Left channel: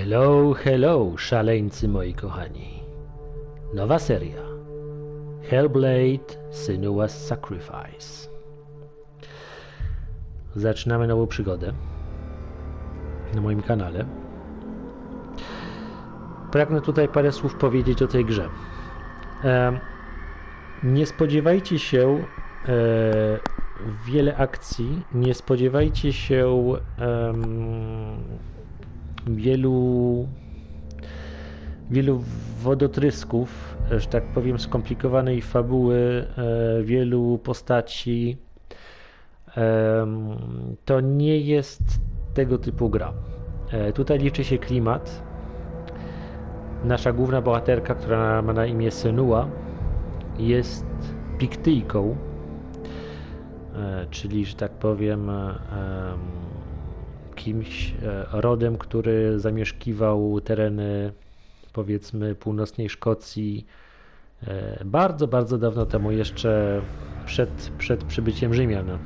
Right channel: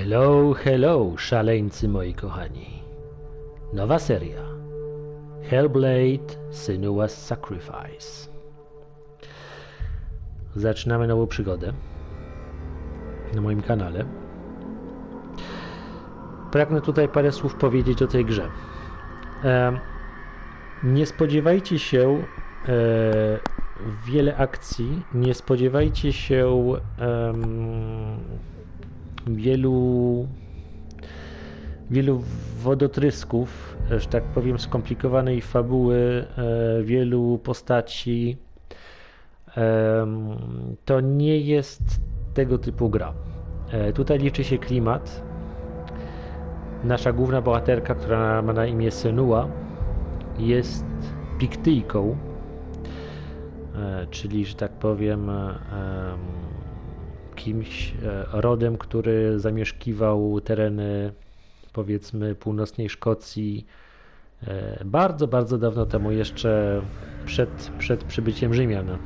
Hello, hello, szaleńcy moi kochani. Nowa seria. Hellblade Senua's Sacrifice. Zaczynamy nową przygodę na moim kanale. Pragnę tutaj parę słów powiedzieć o tej grze. Nie spodziewajcie się wiele akcji, nie spodziewajcie się wielu wodotrysków, że tak powiem, skomplikowanej fabuły, wielu postaci. To nie jest tego typu gra. Tutaj liczy się klimat. Nasza główna bohaterka, która ma na imię Senua, jest Piktyjką, czyli, że tak powiem, kimś rodem, który zamieszkiwał tereny, powiedzmy, północnej Szkocji bardzo, bardzo dawno temu, jeszcze przed przybyciem Rzymian.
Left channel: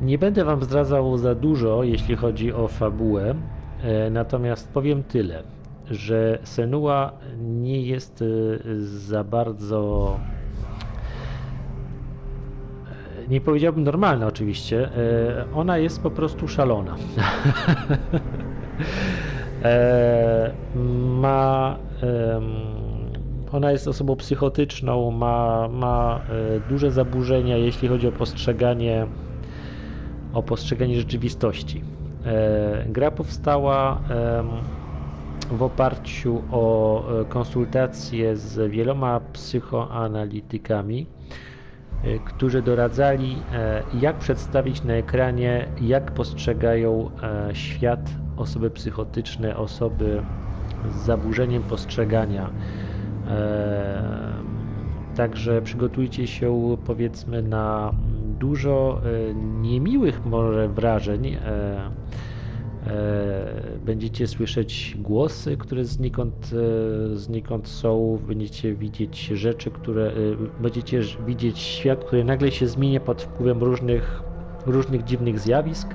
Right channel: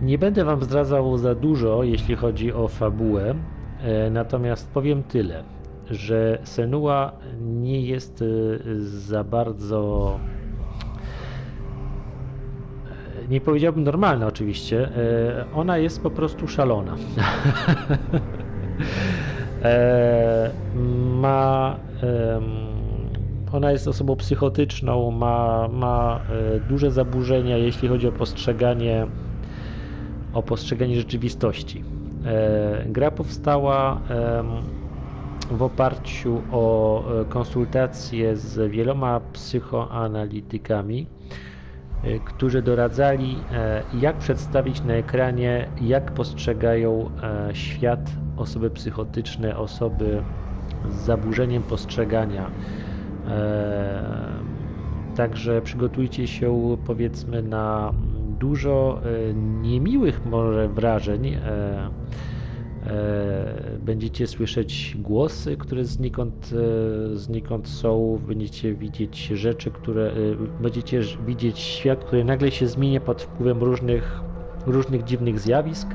Nie będę wam zdradzał za dużo, jeśli chodzi o fabułę, natomiast powiem tyle, że Senua nie jest za bardzo, nie powiedziałbym normalna oczywiście, ona jest po prostu szalona. Ona jest osobą psychotyczną, ma duże zaburzenia, jeśli chodzi o postrzeganie rzeczywistości. Gra powstała w oparciu o konsultacje z wieloma psychoanalitykami, którzy doradzali, jak przedstawić na ekranie, jak postrzegają świat osoby psychotyczne, osoby z zaburzeniem postrzegania. Także przygotujcie się, powiedzmy, na dużo niemiłych może wrażeń. Będziecie słyszeć głosy, które znikąd są, będziecie widzieć rzeczy, będziecie widzieć świat, który nagle się zmienia pod wpływem różnych dziwnych zjawisk.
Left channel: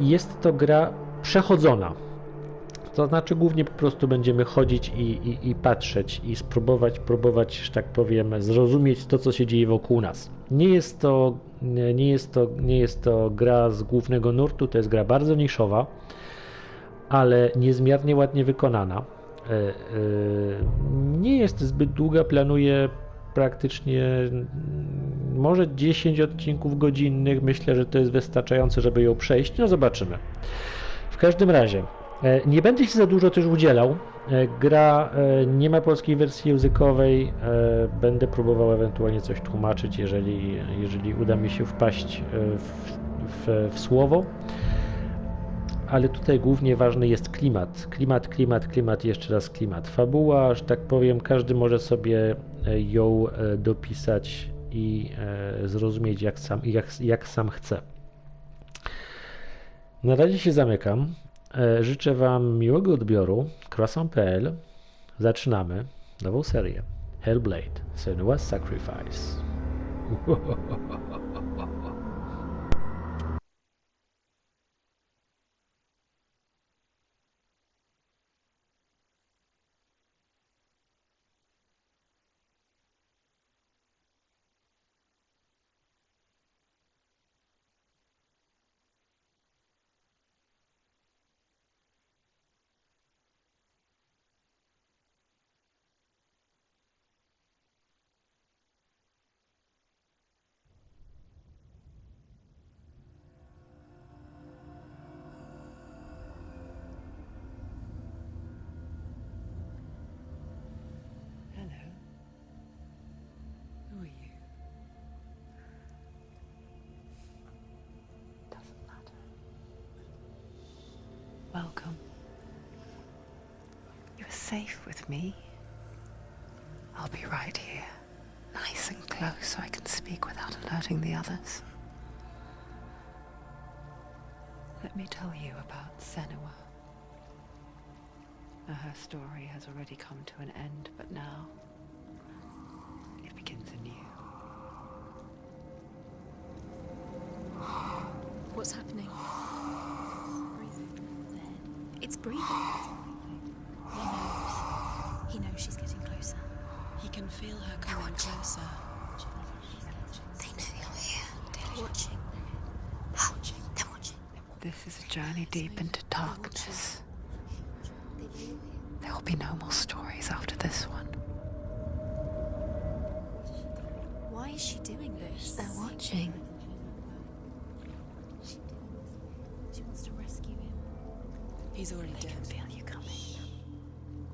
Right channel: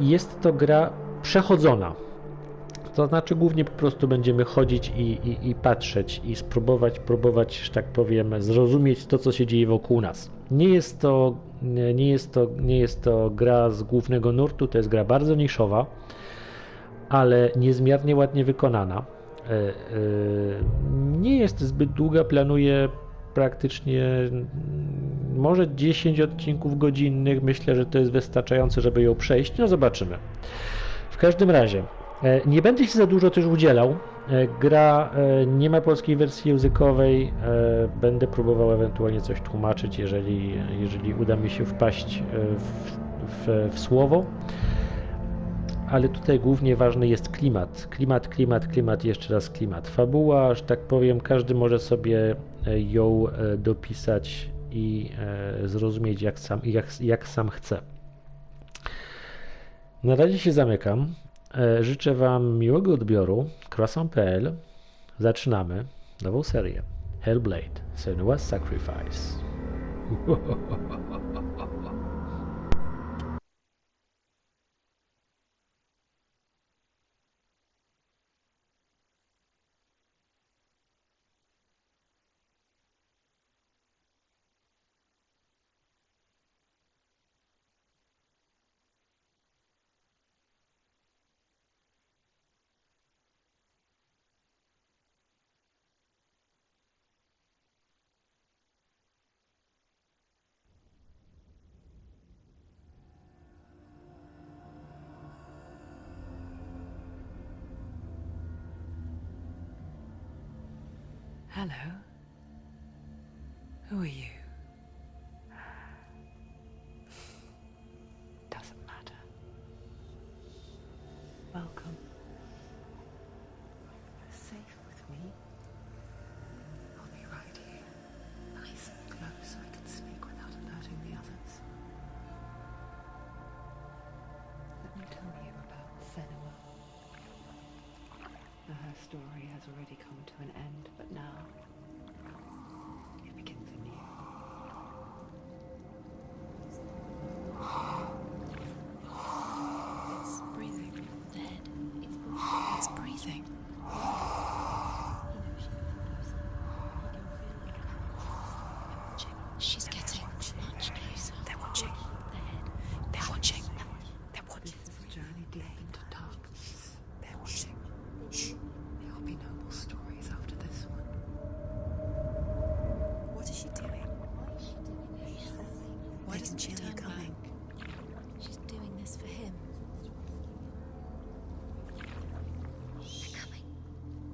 Jest to gra przechodzona. To znaczy głównie po prostu będziemy chodzić i patrzeć i próbować, że tak powiem, zrozumieć to, co się dzieje wokół nas. Nie jest to gra z głównego nurtu, to jest gra bardzo niszowa, ale niezmiernie ładnie wykonana. Nie jest zbyt długa, planuję praktycznie może 10 odcinków godzinnych. Myślę, że to jest wystarczające, żeby ją przejść. No zobaczymy. W każdym razie nie będę się za dużo też udzielał. Gra nie ma polskiej wersji językowej. Będę próbował ewentualnie coś tłumaczyć, jeżeli uda mi się wpaść w słowo. Ale tutaj głównie ważny jest klimat. Klimat, jeszcze raz klimat. Fabuła, że tak powiem, każdy może sobie ją dopisać i zrozumieć jak sam chce. Na razie się zamykam. Życzę wam miłego odbioru. Croissant.pl. Zaczynamy nową serię. Hellblade Senua's Sacrifice. Hello. Who are you? Doesn't matter. Welcome. You're safe with me. I'll be right here, nice and close so I can speak without alerting the others. Let me tell you about Senua. Her story has already come to an end, but now it begins anew. What's happening? It's breathing. journey deep into darkness. There will be no more stories after this one. What is she doing? Why is she doing this? They're watching. Why doesn't she feel you coming? She's doing this for him. She wants to rescue him. He's already dead. Feel you coming.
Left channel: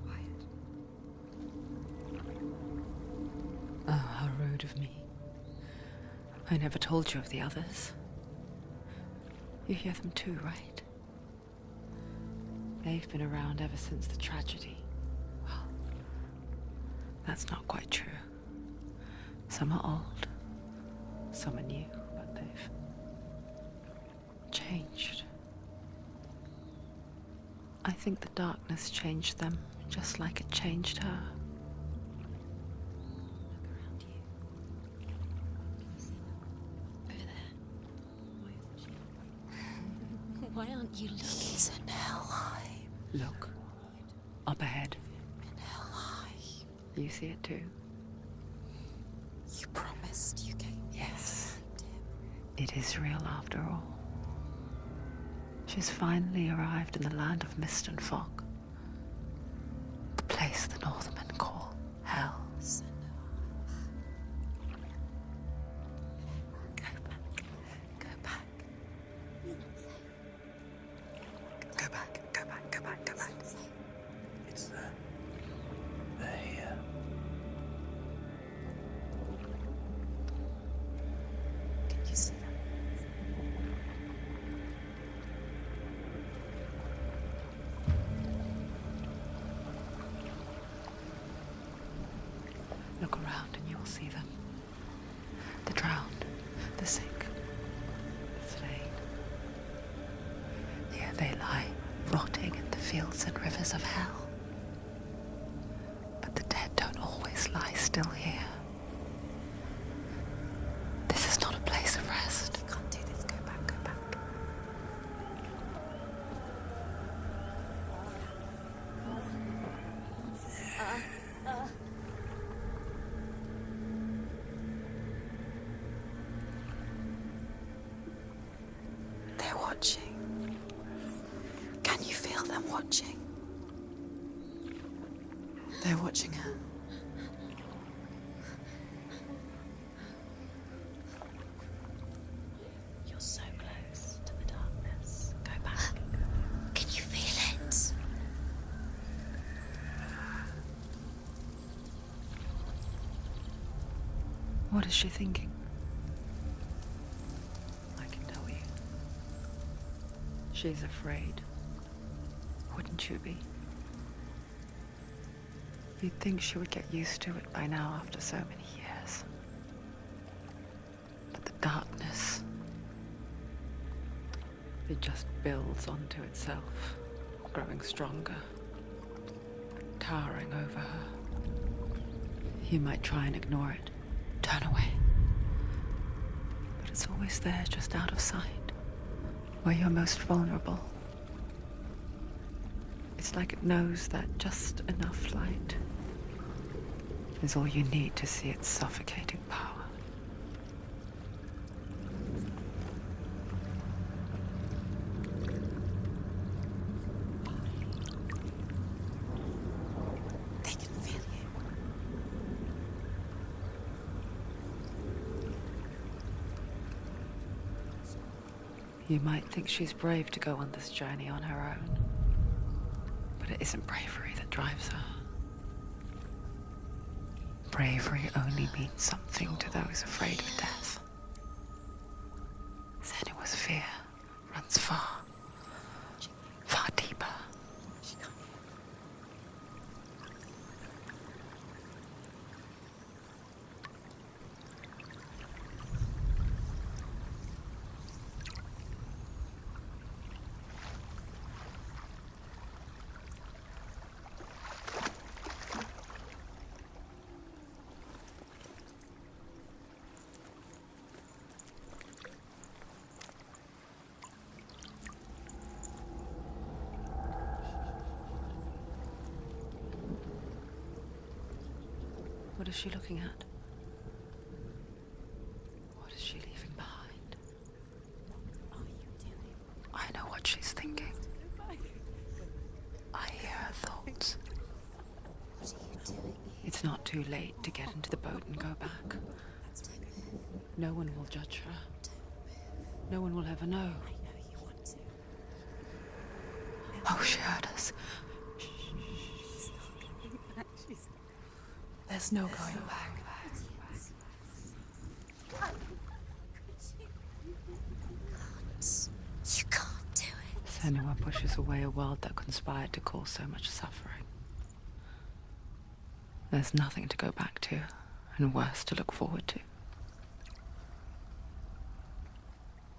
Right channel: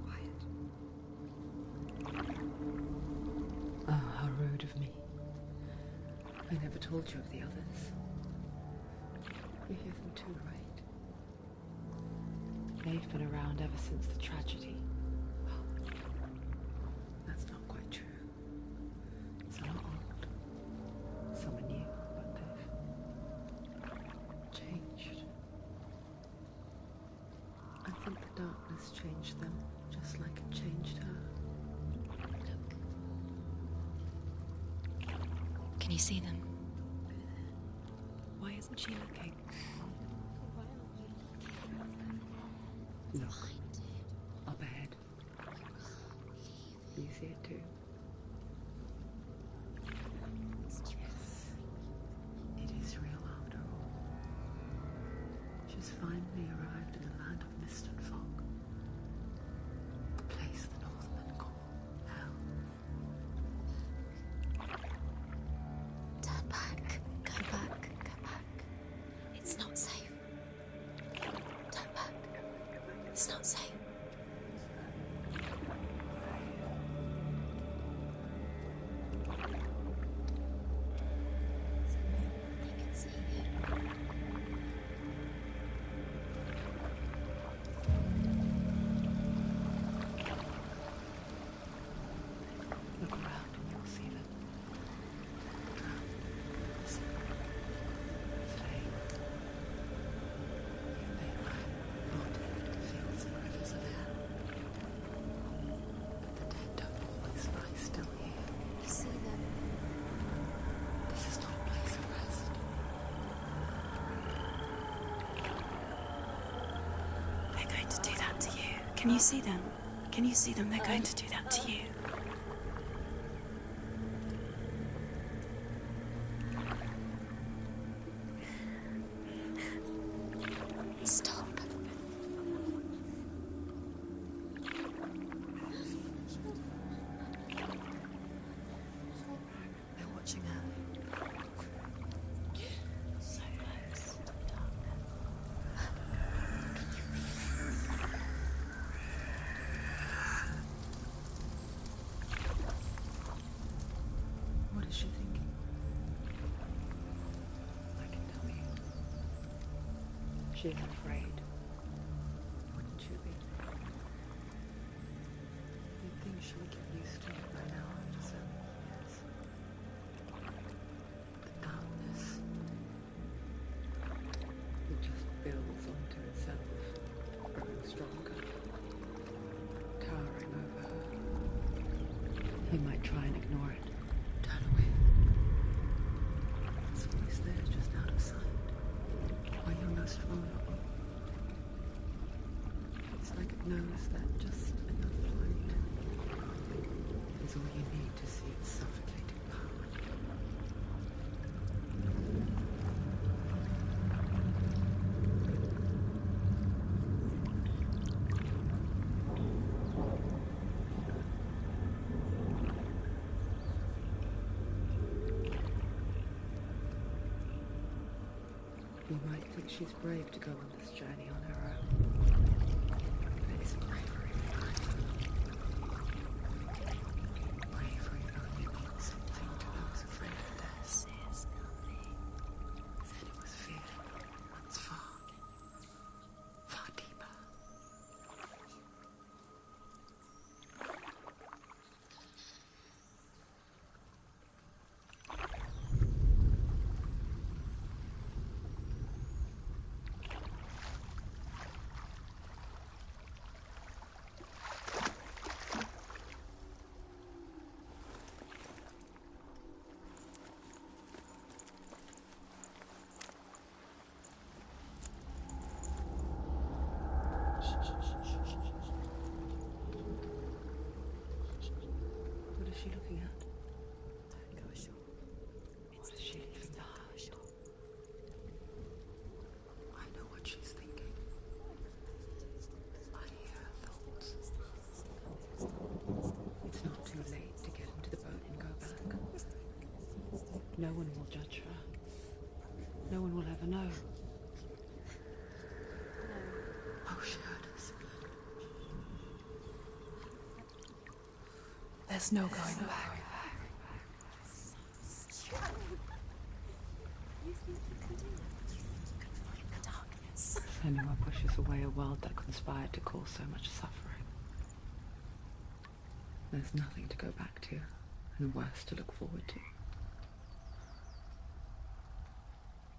Quiet. Oh, how rude of me. I never told you of the others. You hear them too, right? They've been around ever since the tragedy. Well, that's not quite true. Some are old, some are new, but they've changed. I think the darkness changed them, just like it changed her. Can you see them? Over there. Why isn't she looking? Why aren't you looking? It's in Helheim. Look, up ahead. Helheim. You see it too? You promised you gave me. Yes. It is real after all. She's finally arrived in the land of mist and fog. The place the Northmen call Hell. Turn back. Go back. Go back. It's not safe. Go back, go back, go back, go It's back. not safe. It's them. They're here. Can you see them? Look around and you'll see them. The drowned, the sick, the slain. Here they lie, rotting in the fields and rivers of hell. But the dead don't always lie still here. This is not a place of rest. You can't do this. Go back, go back. They're going to do that to you. Can you see them? Can you see them? They're going to do that to you. They're watching. Stop. Can you feel them watching? They're watching her. They're watching her. You're so close to the darkness. Go back. Can you feel it? What is she thinking? I can tell you. She's afraid. Wouldn't you be? You'd think she would get used to it by now after so many years. But the darkness, it just builds onto itself, growing stronger, towering over her. You might try and ignore it, turn away. But it's always there, just out of sight, where you're most vulnerable. It's like it knows that just enough light is all you need to see its suffocating power. They can feel you. You might think she's brave to go on this journey on her own, but it isn't bravery that drives her. Bravery only means something to those afraid of death. Senua's fear runs far, far deeper. She can't. What is she looking at? What is she leaving behind? I know what she's thinking. No one will judge her. No one will ever know. Oh, she heard us. There's no going back. You can't do it. Senua pushes away a world that conspired to cause so much suffering. There's nothing to go back to, and worse to look forward to.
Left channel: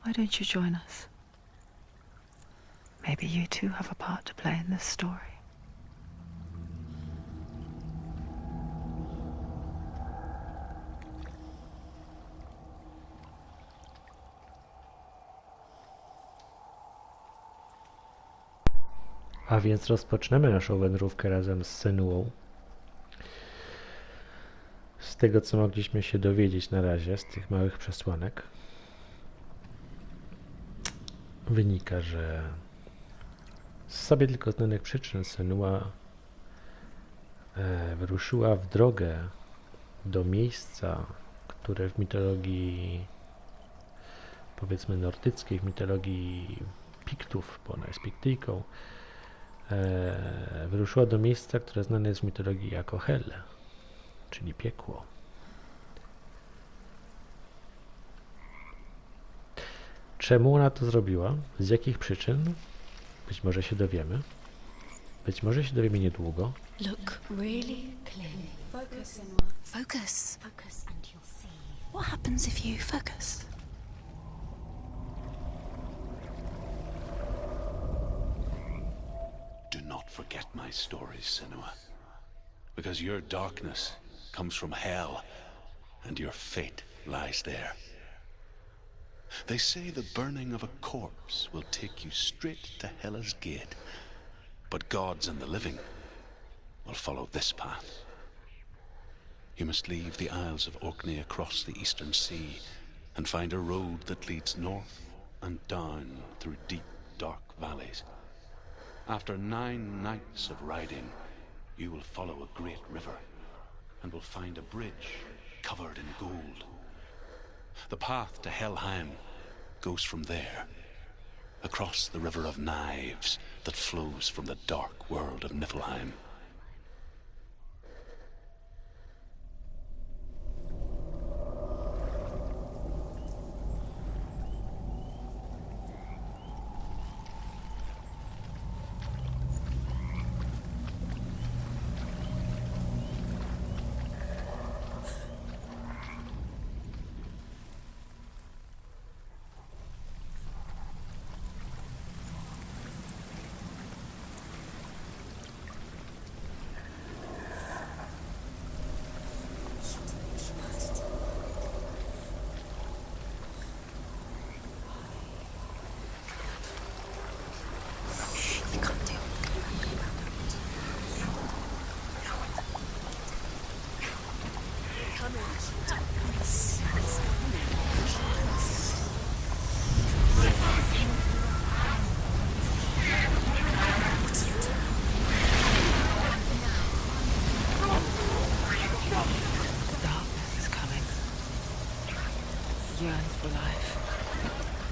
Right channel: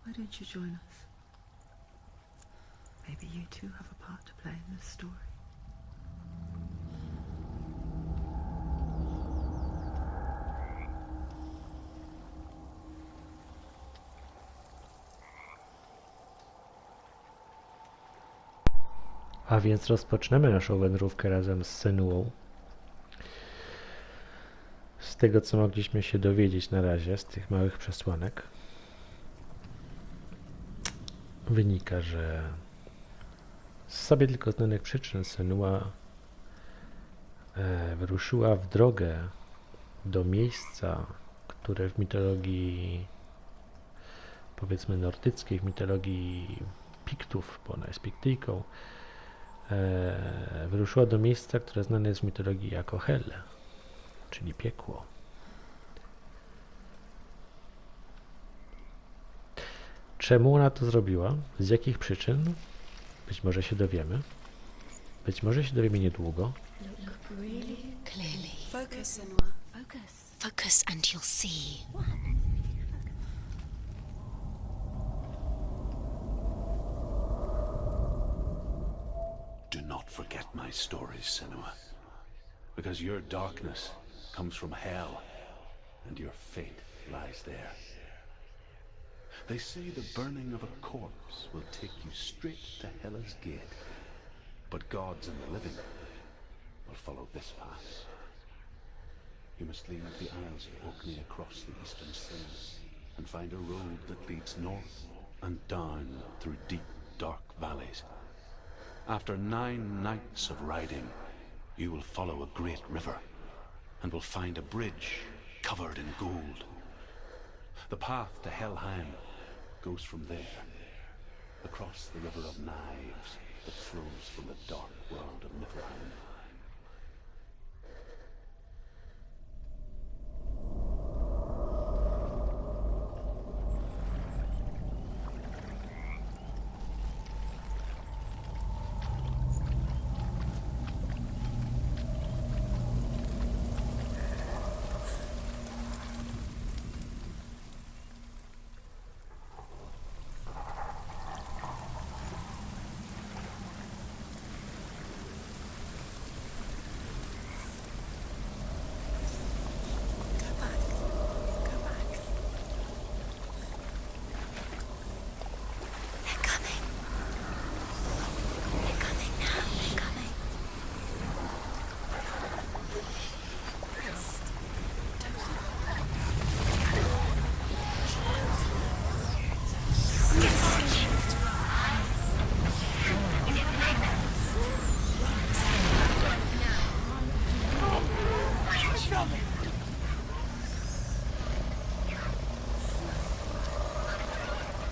Why don't you join us? Maybe you too have a part to play in this story. A więc rozpoczniemy naszą wędrówkę razem z Senuą. Z tego, co mogliśmy się dowiedzieć na razie, z tych małych przesłanek, wynika, że z sobie tylko znanych przyczyn Senua wyruszyła w drogę do miejsca, które w mitologii, powiedzmy nordyckiej, w mitologii Piktów, bo ona jest Piktyjką, wyruszyła do miejsca, które znane jest w mitologii jako Hel, czyli piekło. Czemu ona to zrobiła? Z jakich przyczyn? Być może się dowiemy. Być może się dowiemy niedługo. Look really clearly. Focus, Senua. Focus. Focus and you'll see. What happens if you focus? Do not forget my stories, Senua. Because your darkness comes from hell, and your fate lies there. They say the burning of a corpse will take you straight to Hela's gate, but gods and the living will follow this path. You must leave the Isles of Orkney across the eastern sea and find a road that leads north and down through deep, dark valleys. After 9 nights of riding, you will follow a great river and will find a bridge covered in gold. The path to Helheim goes from there, across the river of knives that flows from the dark world of Niflheim.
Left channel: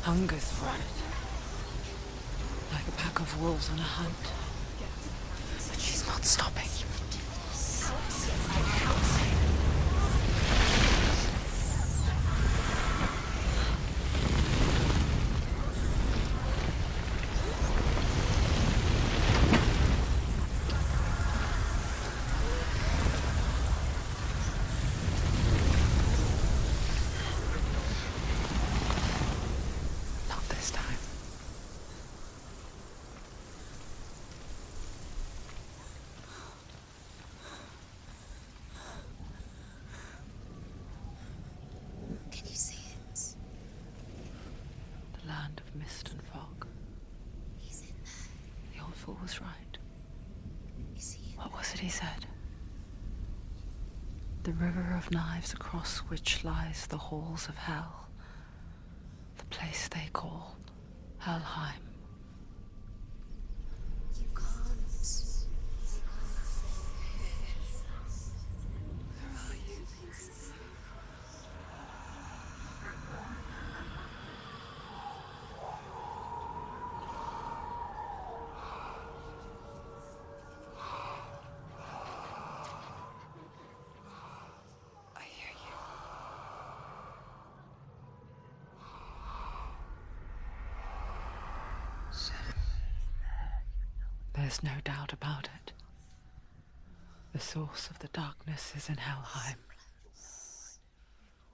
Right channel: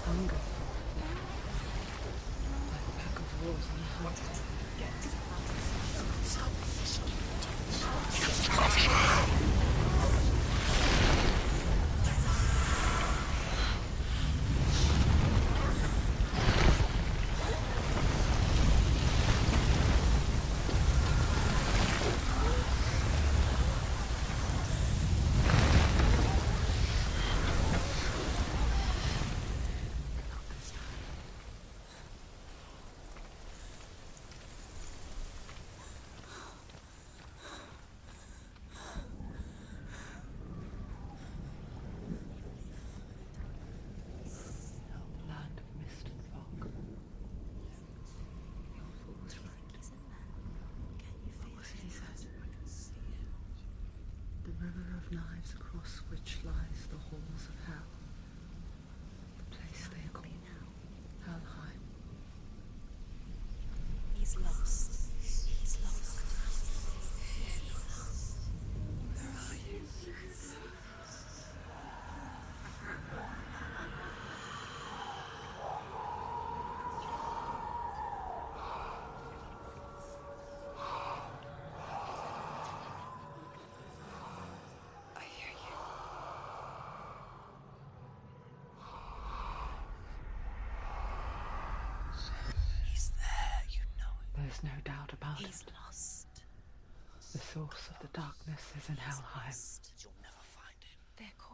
Hungers for it. Like a pack of wolves on a hunt. She's not stopping. Not this time. Can you see it? The land of mist and fog. He's in there. The old fool was right. You see it? What was it he said? The river of knives across which lies the halls of hell. The place they call Helheim. He's lost. He's lost. Where are you? There's no doubt about it. The source of the darkness is in Helheim.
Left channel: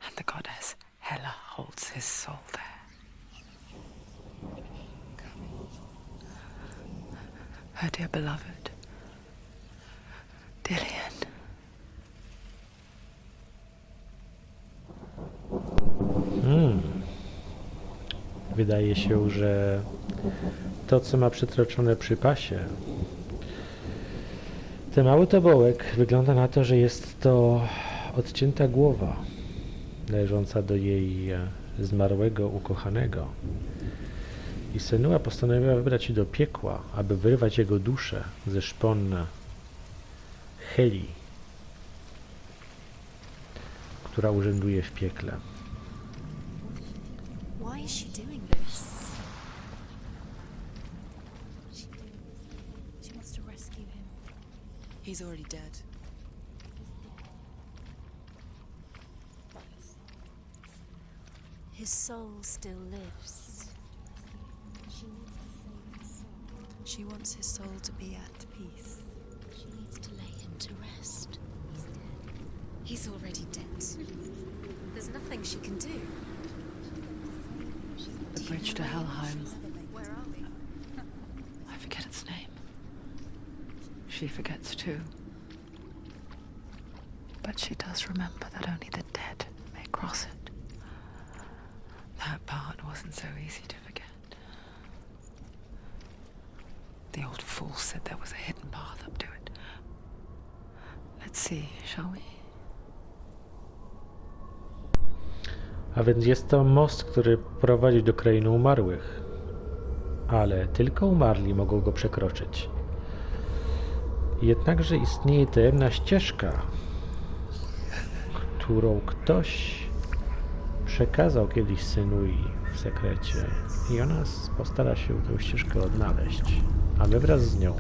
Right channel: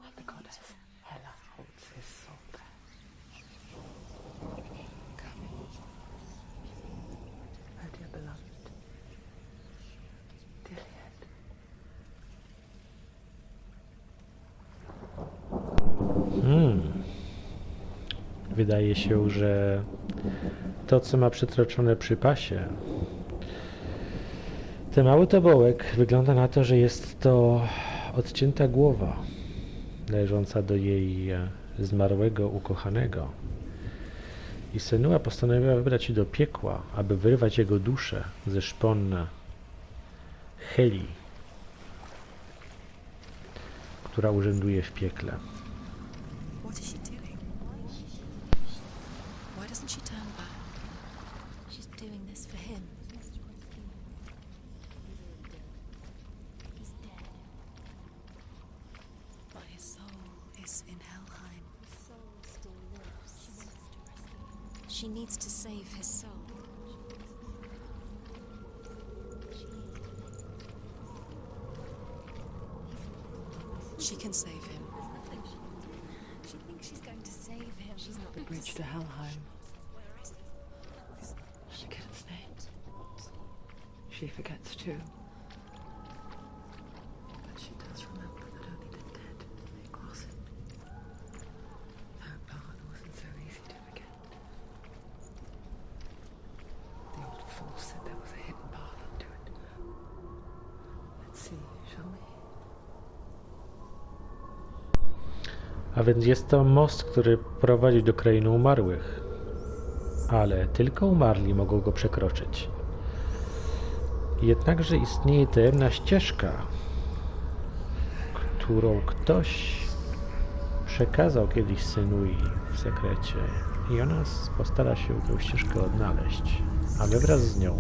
And the goddess Hela holds his soul there. Her dear beloved, Dillian. Wydaje się, że to, co ma przytroczone przy pasie, ten mały tobołek, wygląda na to, że jest to odcięta głowa należąca do jej zmarłego ukochanego. I Senua postanowiła wybrać się do piekła, aby wyrwać jego duszę ze szpon Heli, która urzęduje w piekle. What is she doing? Why is she doing this? Why doesn't she turn back? She's doing this for him. She wants to rescue him. He's already dead. He's dead. But his soul is in Helheim. His soul still lives. She needs to save his soul. She wants his soul to be at peace. She needs to lay him to rest. He's already dead. She can save him. There's nothing she can do. She's going to save him. The bridge to Helheim. Where are they? I forget its name. She forgets too. But she does remember that only the dead may cross it. That part wasn't so easy to forget. The old fool said there was a hidden path up to it. Let's see, shall we? A więc jest to most, który prowadzi do krainy umarłych. Ale tylko umarli mogą go przekroczyć. Jednakże istnieje tajemna ścieżka, którą ktoś przekazał kiedyś Senui w sekrecie. I ona postara się tę ścieżkę odnaleźć, a my wraz z nią.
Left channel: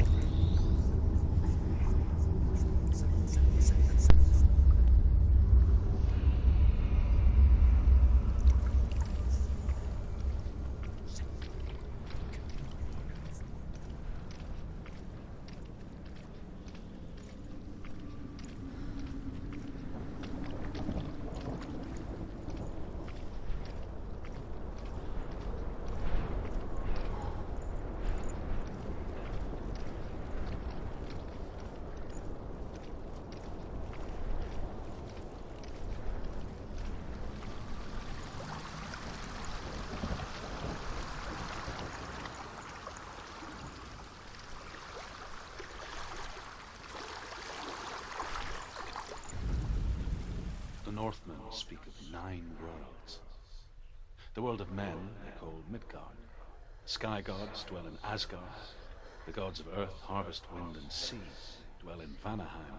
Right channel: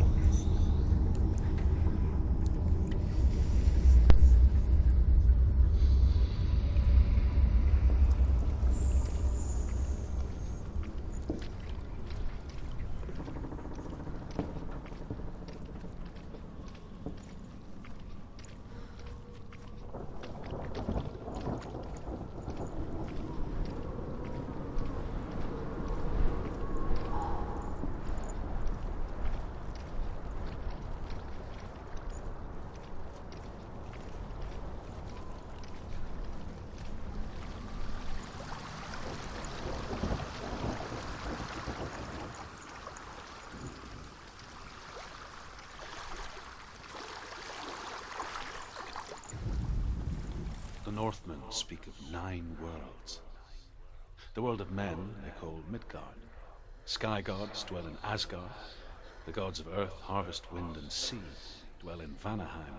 The Northmen speak of 9 worlds. The world of men they call Midgard. Sky gods dwell in Asgard. The gods of earth, harvest, wind, and sea dwell in Vanaheim.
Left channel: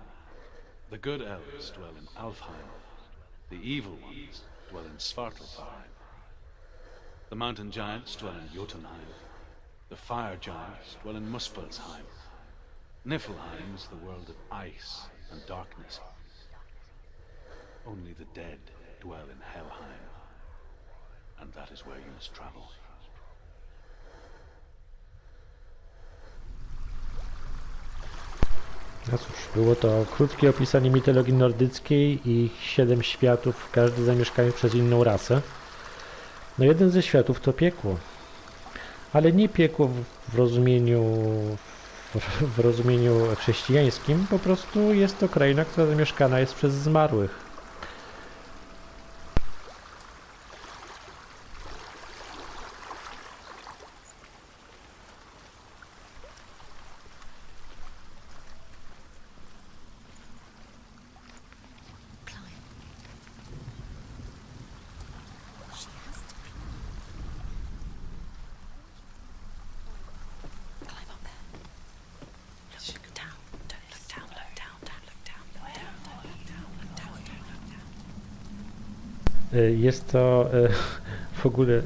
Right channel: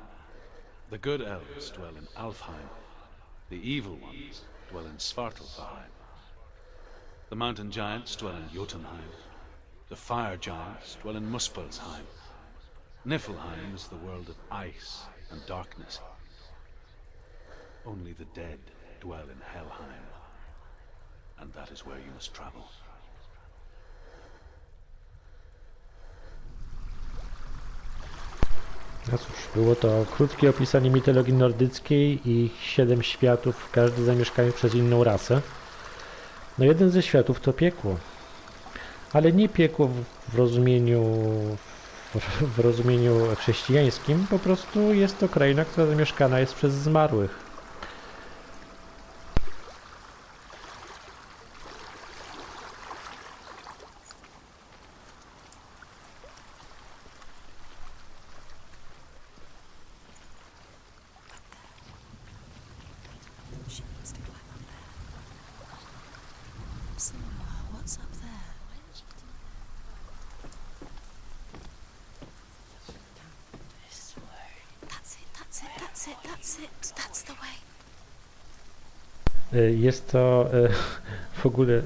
The good elves dwell in Alfheim. The evil ones dwell in Svartalfheim. The mountain giants dwell in Jotunheim. The fire giants dwell in Muspelheim. Niflheim is the world of ice and darkness. Only the dead dwell in Helheim, and that is where you must travel. No cóż, było to krótkie opisanie mitologii nordyckiej i 7 światów, każdy zamieszkany przez inną rasę. No jeden ze światów to piekło, ale nie piekło w rozumieniu chrześcijańskim, po prostu jest to kraina, która zamieszkana jest przez zmarłych. She wants to climb up there. She has to climb up somewhere. What's up there? Climb up there. Look down. Don't look down. Look down. That's it. That's it. That's it. That's it. That's the way. Jest to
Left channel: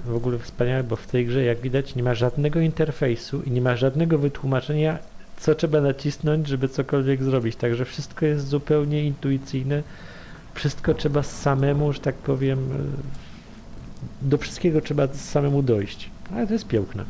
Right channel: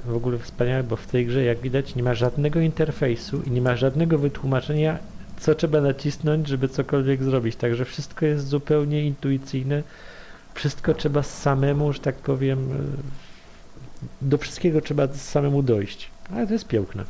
w ogóle wspaniałe, bo w tej grze, jak widać, nie ma żadnego interfejsu i nie ma żadnego wytłumaczenia, co trzeba nacisnąć, żeby cokolwiek zrobić. Także wszystko jest zupełnie intuicyjne. Wszystko trzeba samemu, że tak powiem, do wszystkiego trzeba samemu dojść. Ale to jest piękne.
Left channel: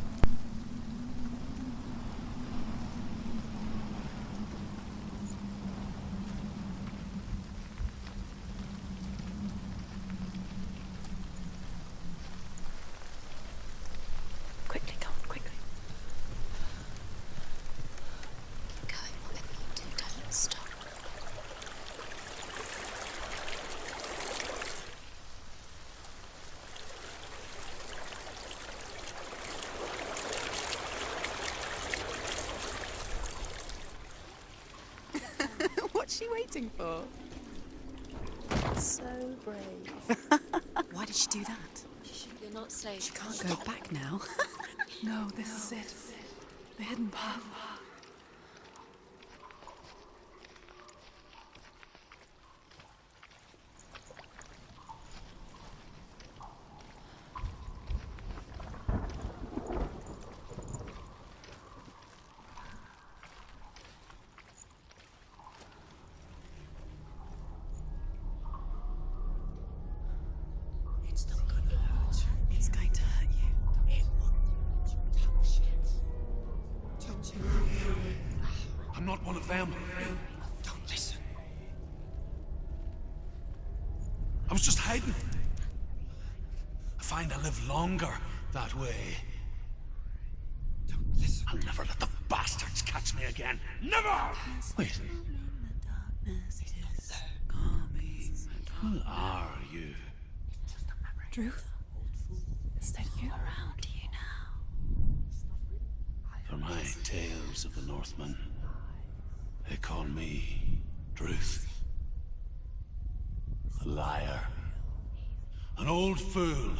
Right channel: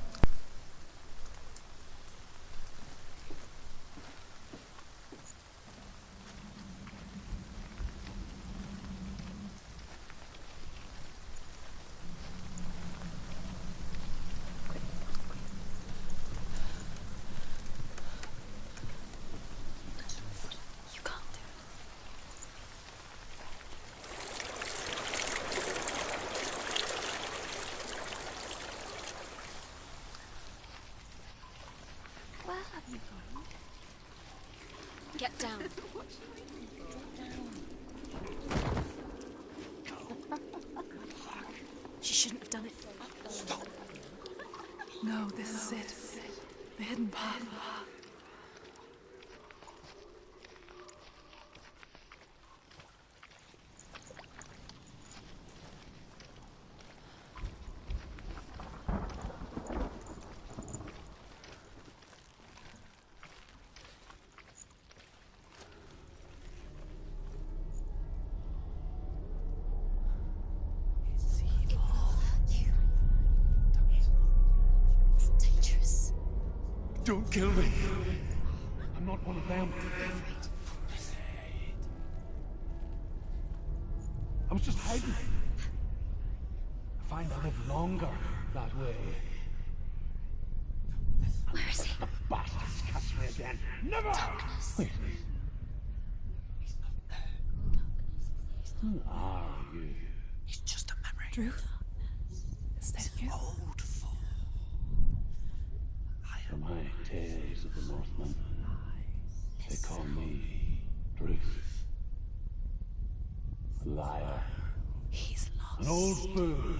she do that? She shouldn't have done it. Say She can't go back now. No, this is it. The hidden path. He's going to hurt you. It's dangerous. Don't kill me. I'm not one of them. Don't listen. I was just hiding. I find I live longer that way. Don't listen. I'll never let the bastards catch me again. Never! Wait. Who are you? It's just a memory. Ruth? Is that you? For my tales of the Northmen, they call me Druth. A liar. He's lost. An old fool.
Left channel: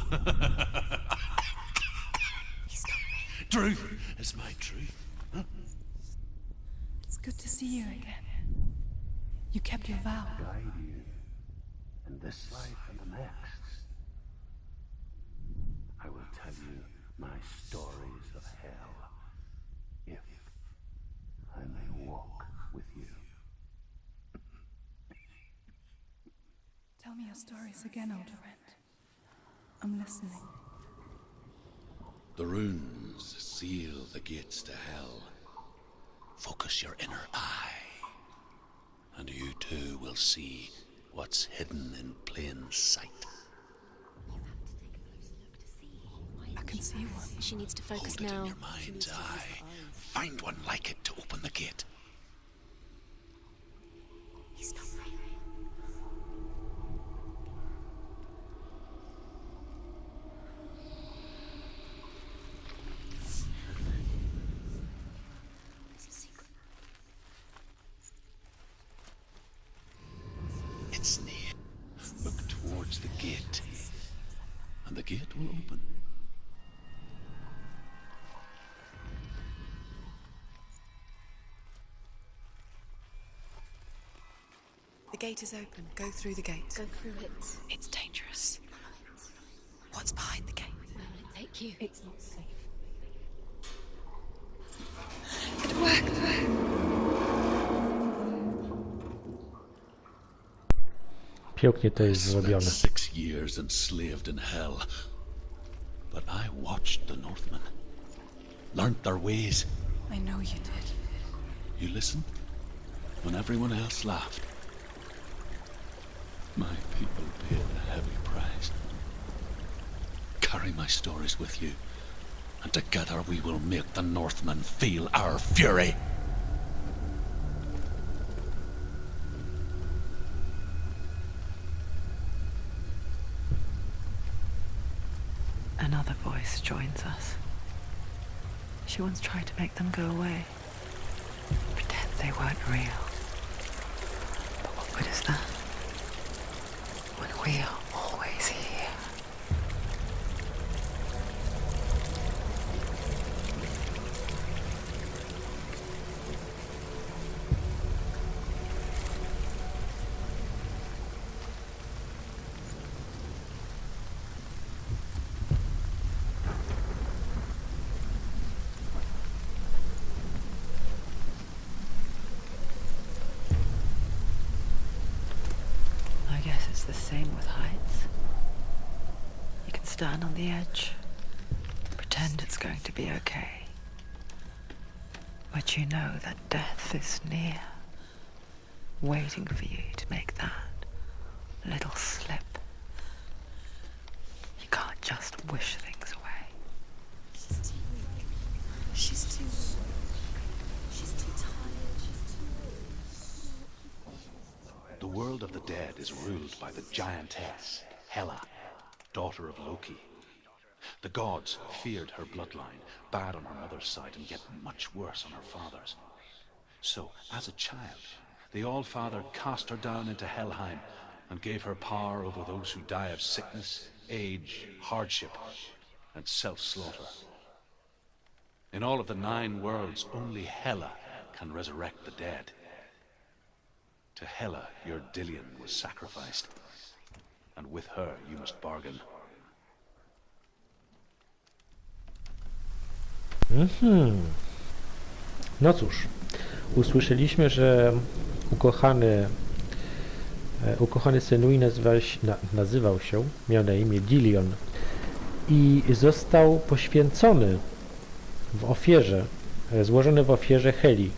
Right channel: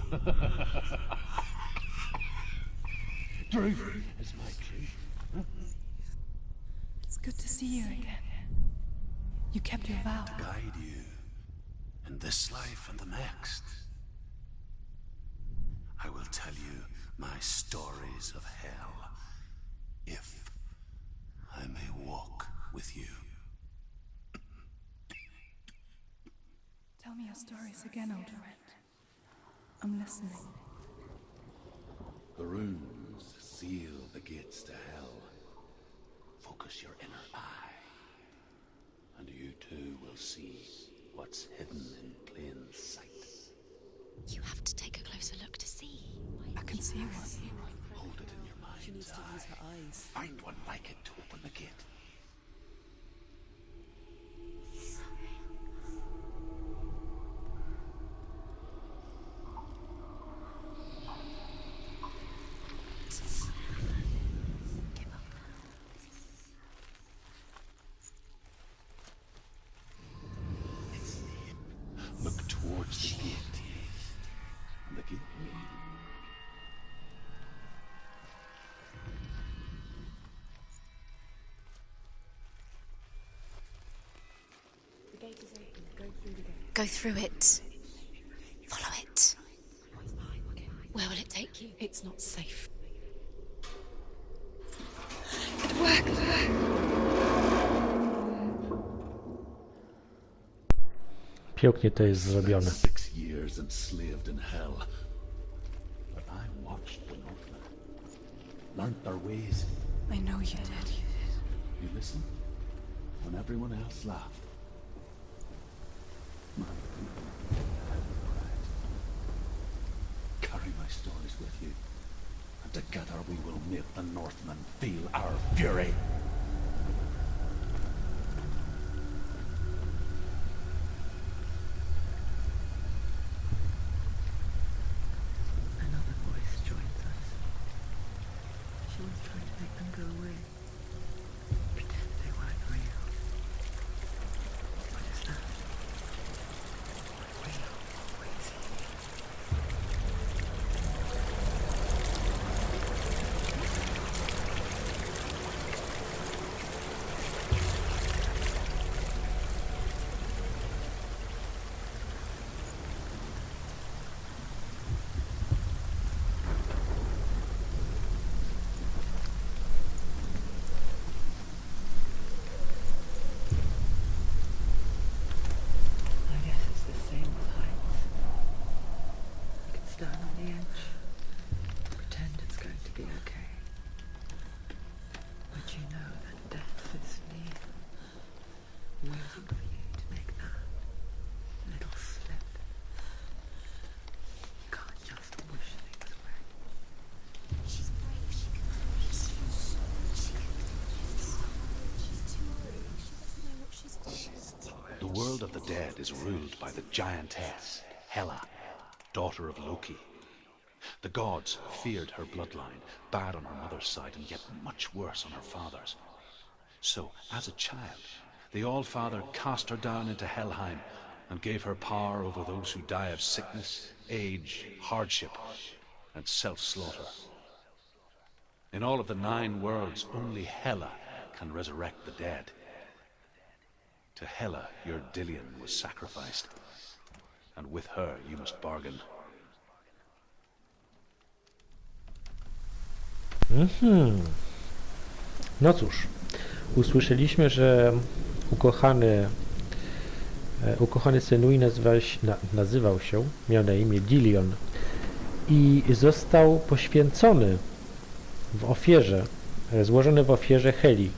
Druth is my truth. It's good to see you again. You kept your vow. Guide you in this life and the next. I will tell you my stories of hell, if I may walk with you. Tell me your stories again, old friend. I'm listening. The runes seal the gates to hell. Focus your inner eye, and you too will see what's hidden in plain sight. You have to take a closer look to see. I can see one. She needs to focus Hold it now. in your She needs mind's to use eye. her eyes. Find one like it to open the gate. He's not moving. It's near. Look towards the gate, and the gate will open. The gate is open. Go through the gate. Go through it. It's dangerous. Follow it. What's behind the gate? Where will it take you? It's not safe. It worked! Pięknie to jest zrobione. 6 years enslaved in hell. But I watched the Northmen, learnt their ways. I know you did. You listened when everyone else laughed. My people paid a heavy price. Carry my stories with you, and together we will make the Northmen feel our fury. Another voice joins us. She once tried to make them go away. Pretend they weren't real. But what good is that? When we are always here. I guess it's the same with heights. You can stand on the edge, pretend it's going to be okay. But you know that death is near, waiting for you to make that little slip. You can't just wish things away. The world of the dead is ruled by the giantess, Hela, daughter of Loki. The gods feared her bloodline, bad on her mother's side and yet much worse on her father's. So, as a child, the All-Father cast her down into Helheim and gave her power over those who die of sickness, age, hardship, and self-slaughter. In all of the 9 worlds, only Hela can resurrect the dead. To Hela, your Dillion was sacrificed, and with her you must bargain. No cóż, usłyszeliśmy, że ukochany Senui nazywał się, miał na imię Dillion i został poświęcony w ofierze, złożony w ofierze Heli,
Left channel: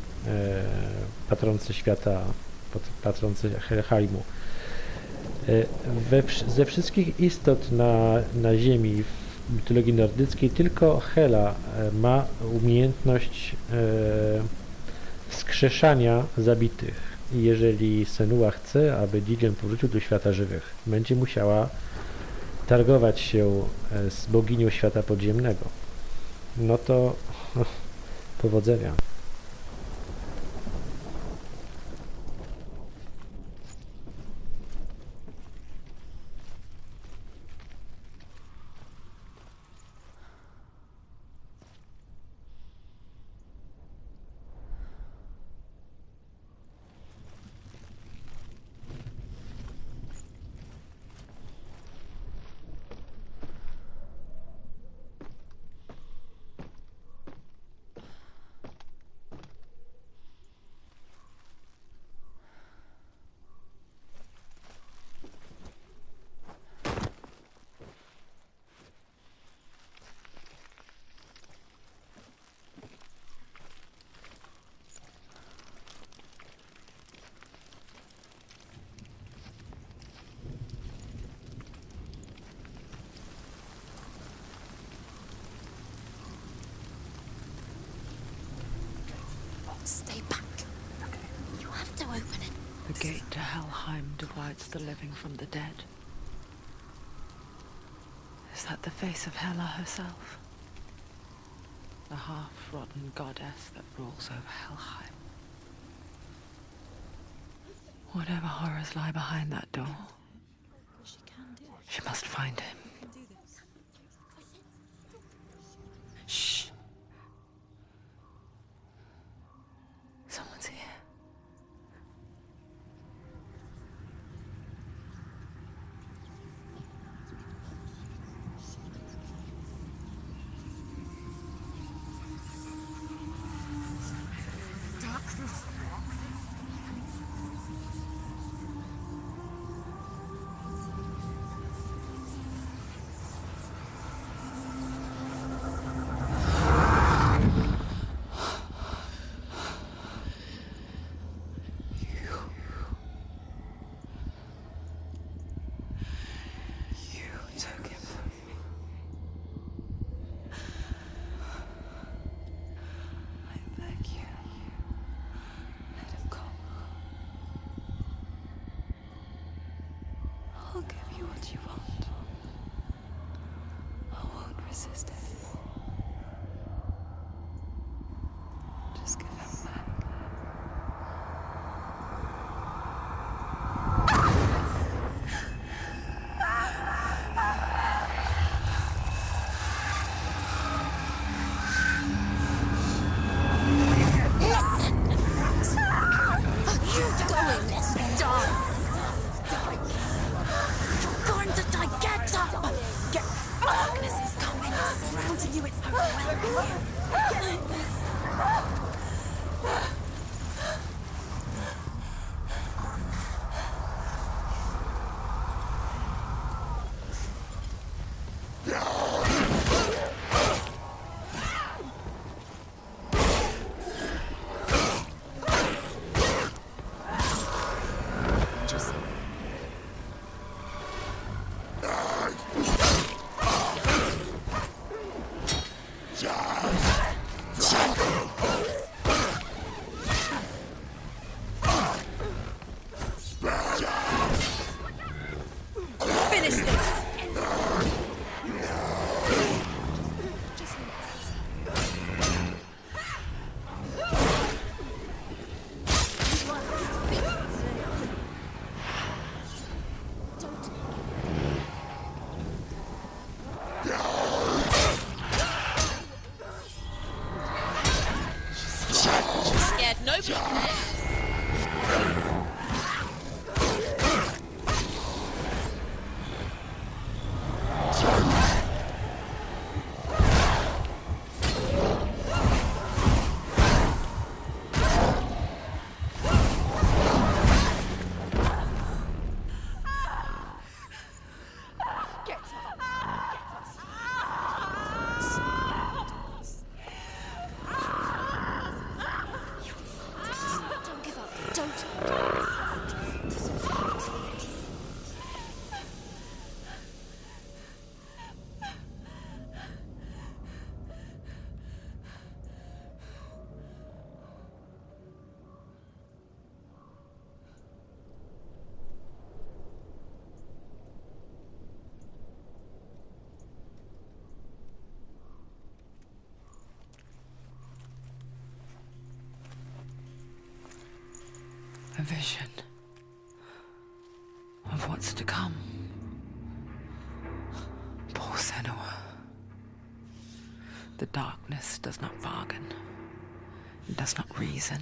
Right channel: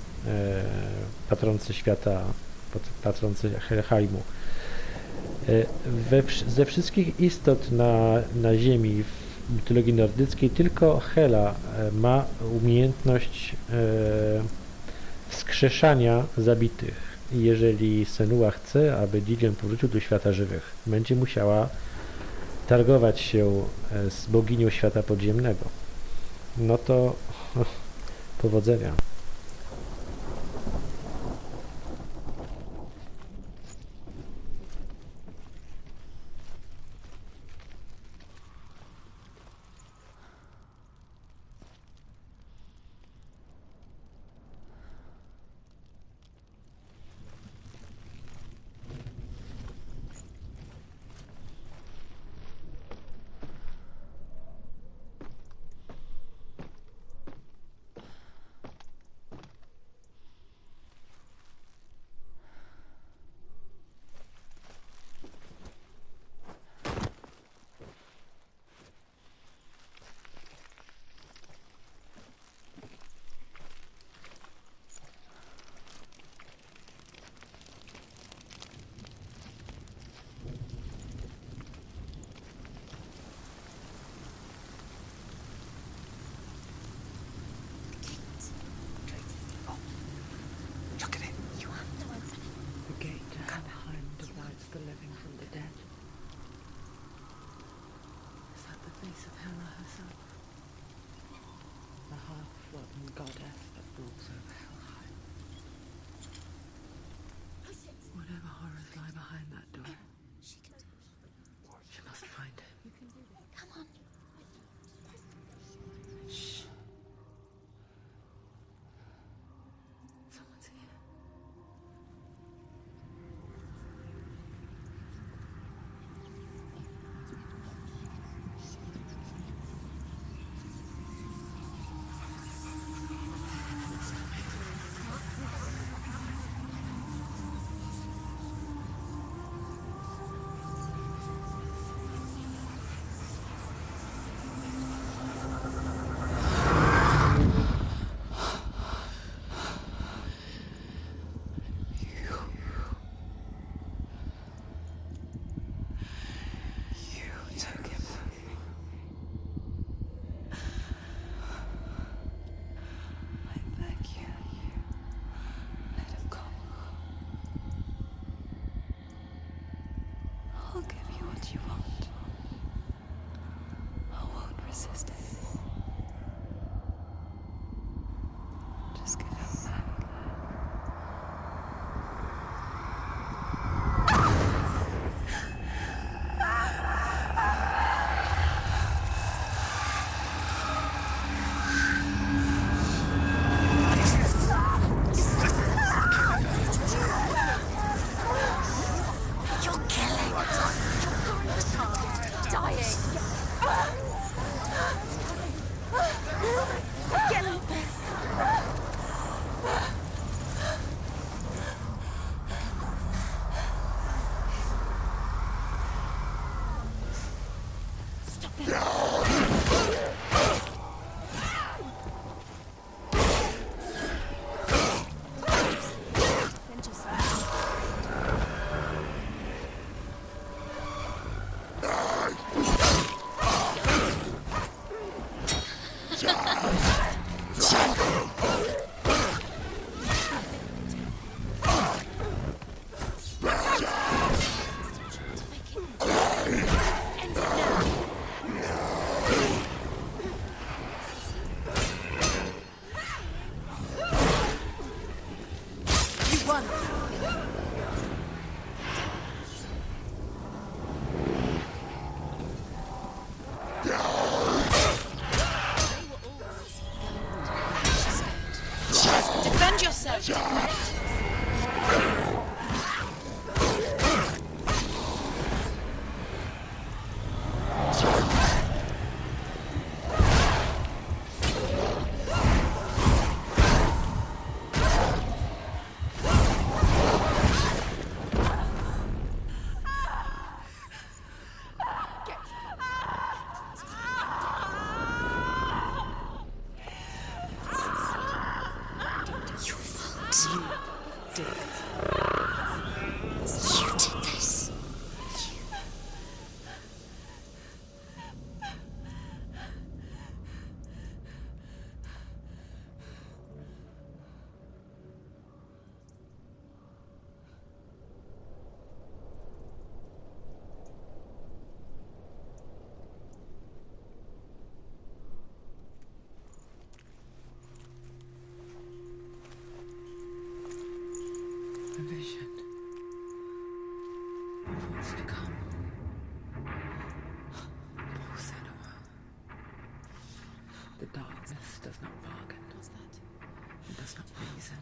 patronce świata, patronce Helheimu. Ze wszystkich istot na Ziemi w mitologii nordyckiej tylko Hela ma umiejętność wskrzeszania zabitych. I jeżeli Senua chce, aby Dillion powrócił do świata żywych, będzie musiała targować się z boginią świata podziemnego. No to powodzenia. Stay back. Look at it. You have to open it. The gate to Helheim divides the living from the dead. Is that the face of Hela herself? The half-rotten goddess that rules over Helheim. Whatever horrors lie behind that door, she must find him. Shh. Someone's here. You took him from me. I beg you, let him go. I'll give you what you want. I won't resist anymore. Just give him back. Die! A vision of what's to come. Poor Senua. The darkness does not bargain. It does not reason.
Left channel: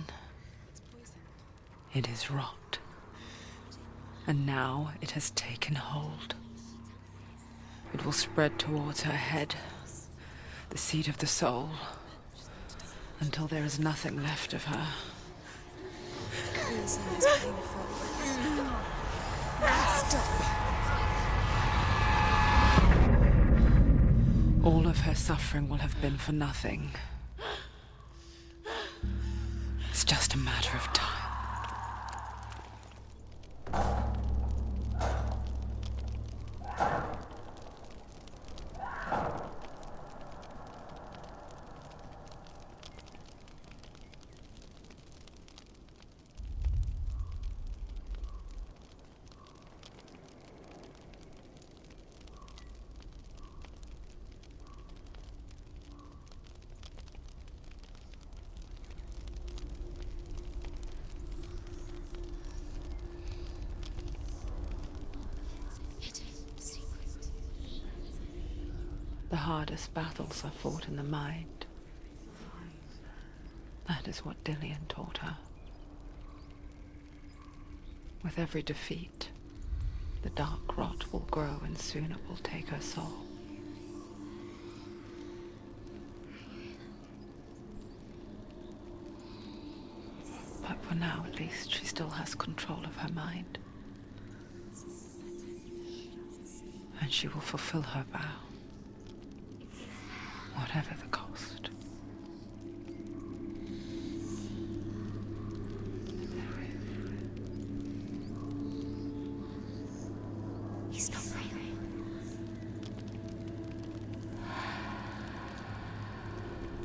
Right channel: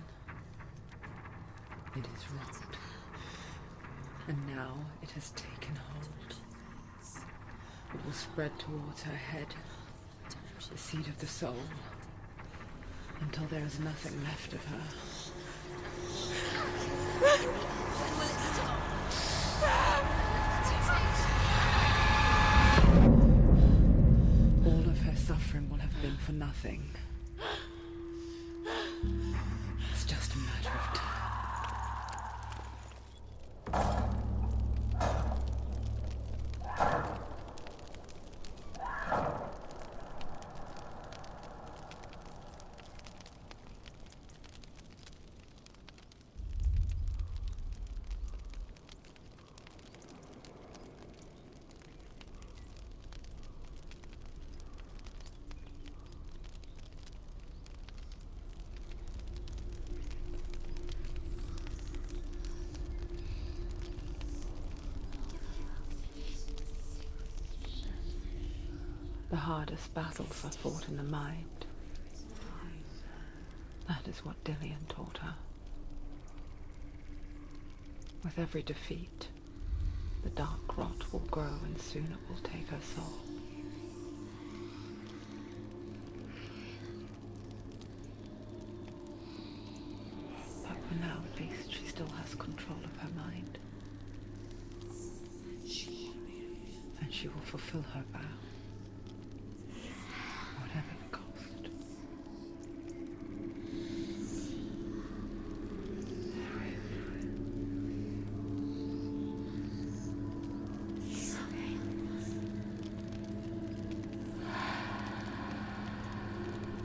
It is rot. And now it has taken hold. It will spread towards her head, the seat of the soul, until there is nothing left of her. All of her suffering will have been for nothing. It's just a matter of time. The hardest battles are fought in the mind. That is what Dillian taught her. With every defeat, the dark rot will grow and soon it will take her soul. But for now, at least, she still has control of her mind. And she will fulfill her vow. Whatever the cost. He's not there.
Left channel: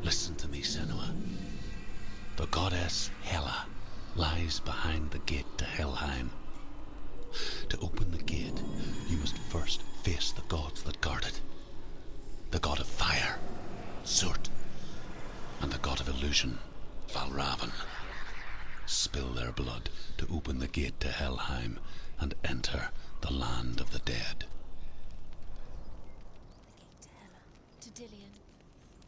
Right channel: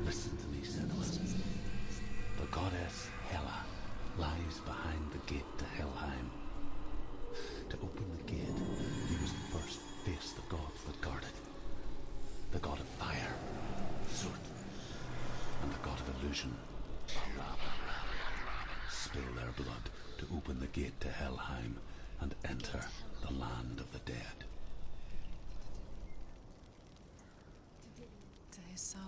Listen to me, Senua. The goddess Hela lies behind the gate to Helheim. To open the gate, you must first face the gods that guard it. The god of fire, Surt, and the god of illusion, Valravan. Spill their blood to open the gate to Helheim and enter the land of the dead. To Dillian. To his soul.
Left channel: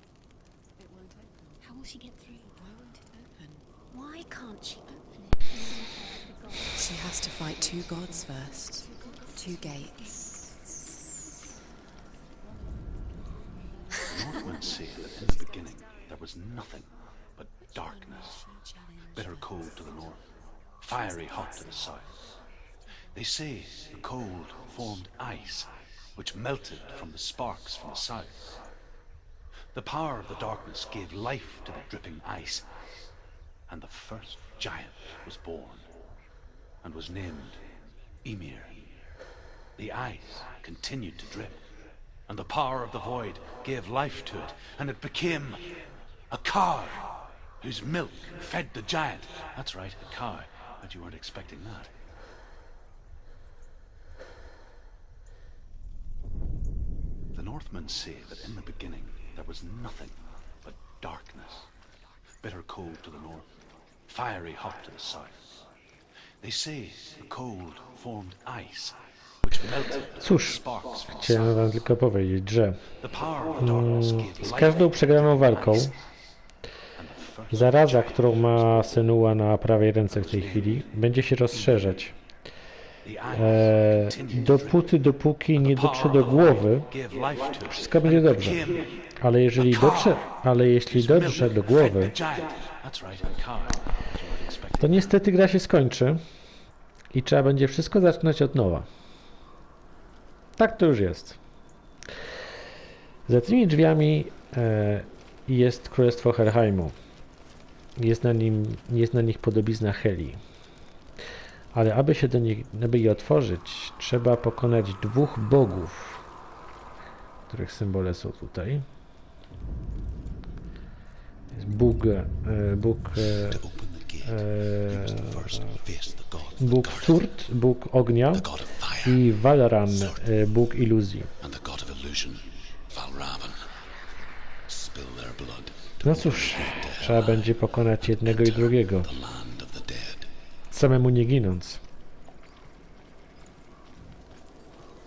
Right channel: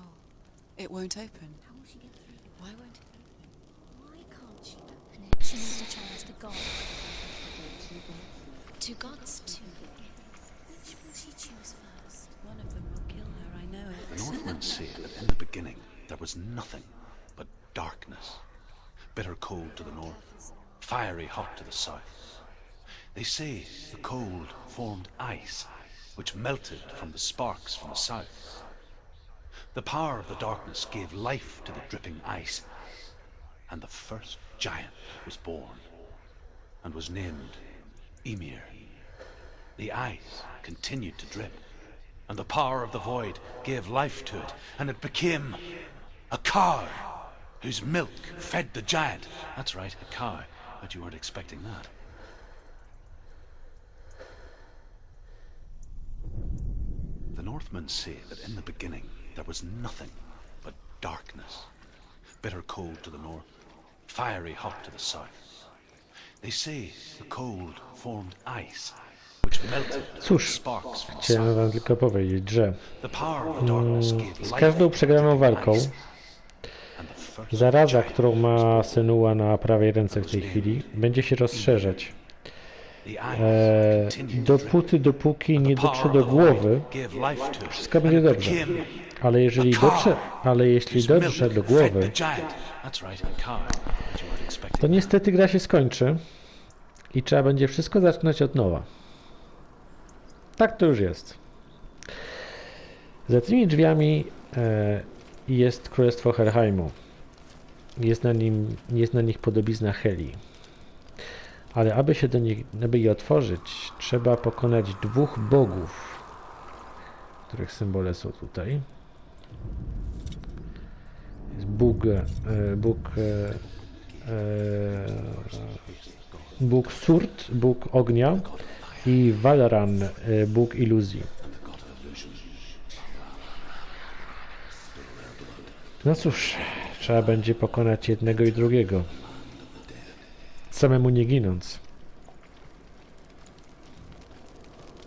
It won't open. How will she get through? Why won't it open? Why can't she open it? She's in charge of the gods. She has to fight two gods first. Two gods? Two gates. She choose first. One of them will kill her, I know. The Northmen say that in the beginning there was nothing but darkness. Bitter cold to the north, fiery hot to the south. They say the cold formed ice, which melted from the sparks from the south. The power of the darkness gave life to the dripping ice, and the first giant was born, and was named Ymir. The ice continued to drip, and the power of the void gave life to it, and it became a cow whose milk fed the giant. That's right, a cow. Bet you weren't expecting that. The Northmen say that in the beginning there was nothing but darkness. Bitter cold to the north, fiery hot to the south. They say the cold formed ice, which melted Cóż, sparks from the chciałem wam tylko powiedzieć, że The power of darkness gave z life każdą przegraną walką and the first zaraza, giant którą ma Senua na prawej ręce w tej chwili, będzie się rozszerzać. the eyes continued to Dopóki drink. nie The dotrze power do of głowy, light gave life to it, wszystko and będzie it dobrze. became Ale jeśli dotrze do głowy, That's right, a cow, as you might expect. to niestety gra się skończy i trzeba będzie wszystko zaczynać od nowa. Tak to już jest. Za tymi drzwiami jest królestwo Helheimu. Jest na nich podobizna Heli. Ale aby je otworzyć, trzeba pokonać dwóch bogów, których symbole są tutaj. Jest Bóg Surt, Bóg ognia i Valran, Bóg iluzji. No cóż, trzeba będzie pokonać jednego i drugiego, samemu nie ginąc.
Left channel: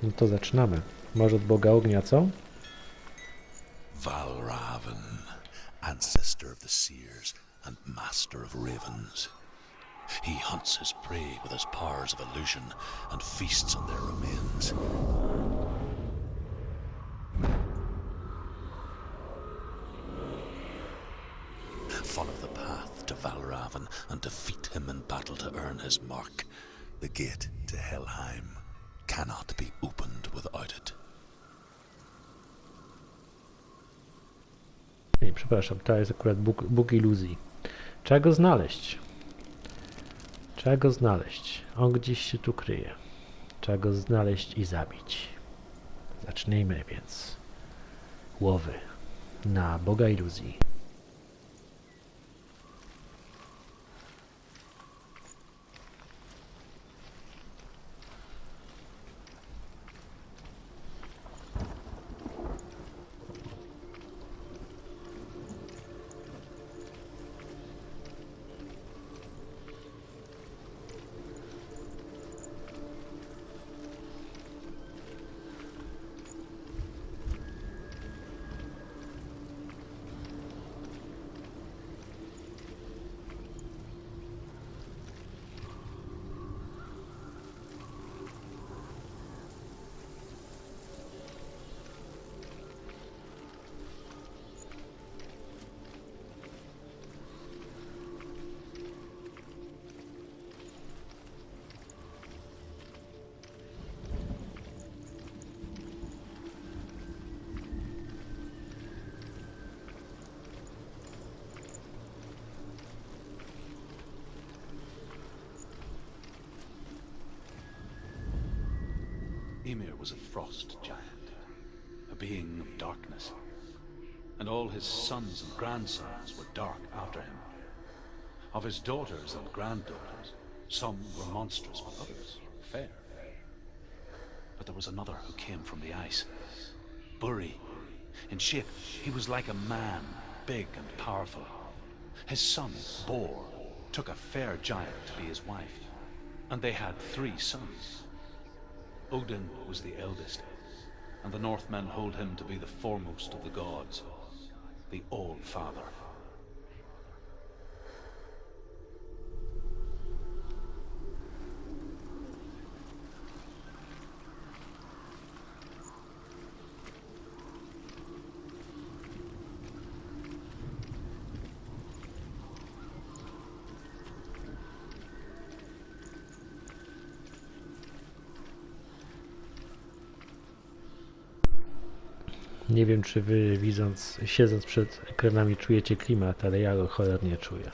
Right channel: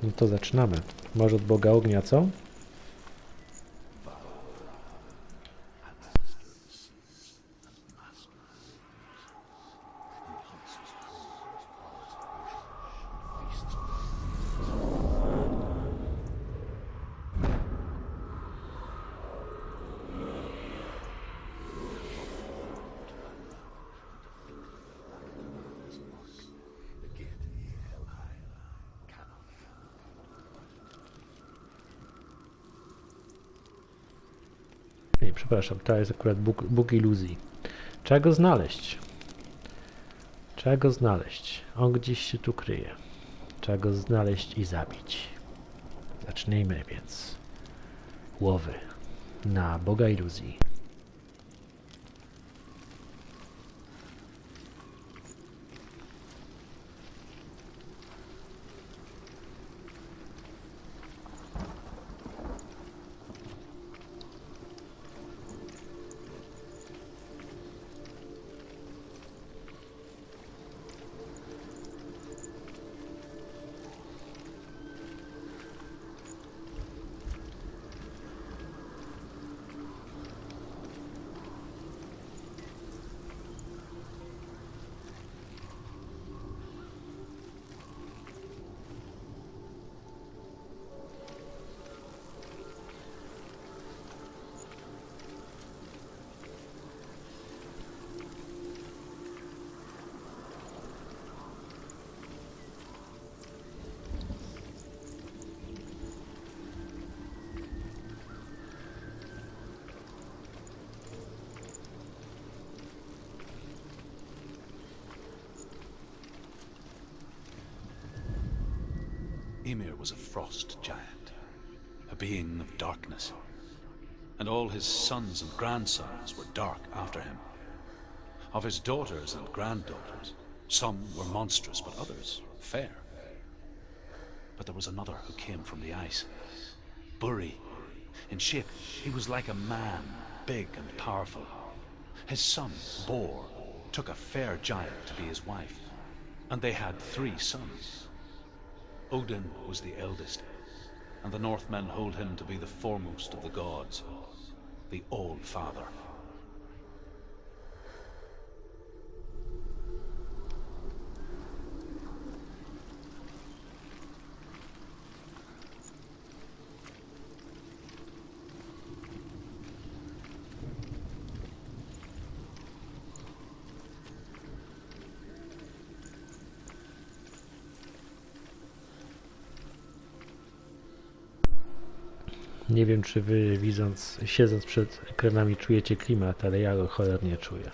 No to zaczynamy. Może od Boga ognia, co? Valravan, ancestor of the seers and master of ravens. He hunts his prey with his powers of illusion and feasts on their remains. Follow the path to Valravan and defeat him in battle to earn his mark. The gate to Helheim cannot be opened without it. Nie, przepraszam, to jest akurat Bóg iluzji. Trzeba go znaleźć. Trzeba go znaleźć. On gdzieś się tu kryje. Trzeba go znaleźć i zabić. Zacznijmy więc łowy na Boga iluzji. Ymir was a frost giant, a being of darkness, and all his sons and grandsons were dark after him. Of his daughters and granddaughters, some were monstrous, but others fair. But there was another who came from the ice, Buri. In shape, he was like a man, big and powerful. His son, Bor, took a fair giant to be his wife, and they had 3 sons. Odin was the eldest, and the Northmen hold him to be the foremost of the gods, the All-Father. Nie wiem, czy wy siedząc przed ekranami czujecie klimat, ale ja go cholernie czuję.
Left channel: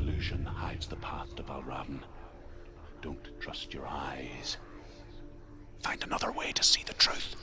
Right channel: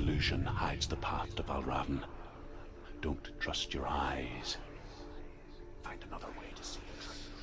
illusion hides the path to Valravn. Don't trust your eyes. Find another way to see the truth.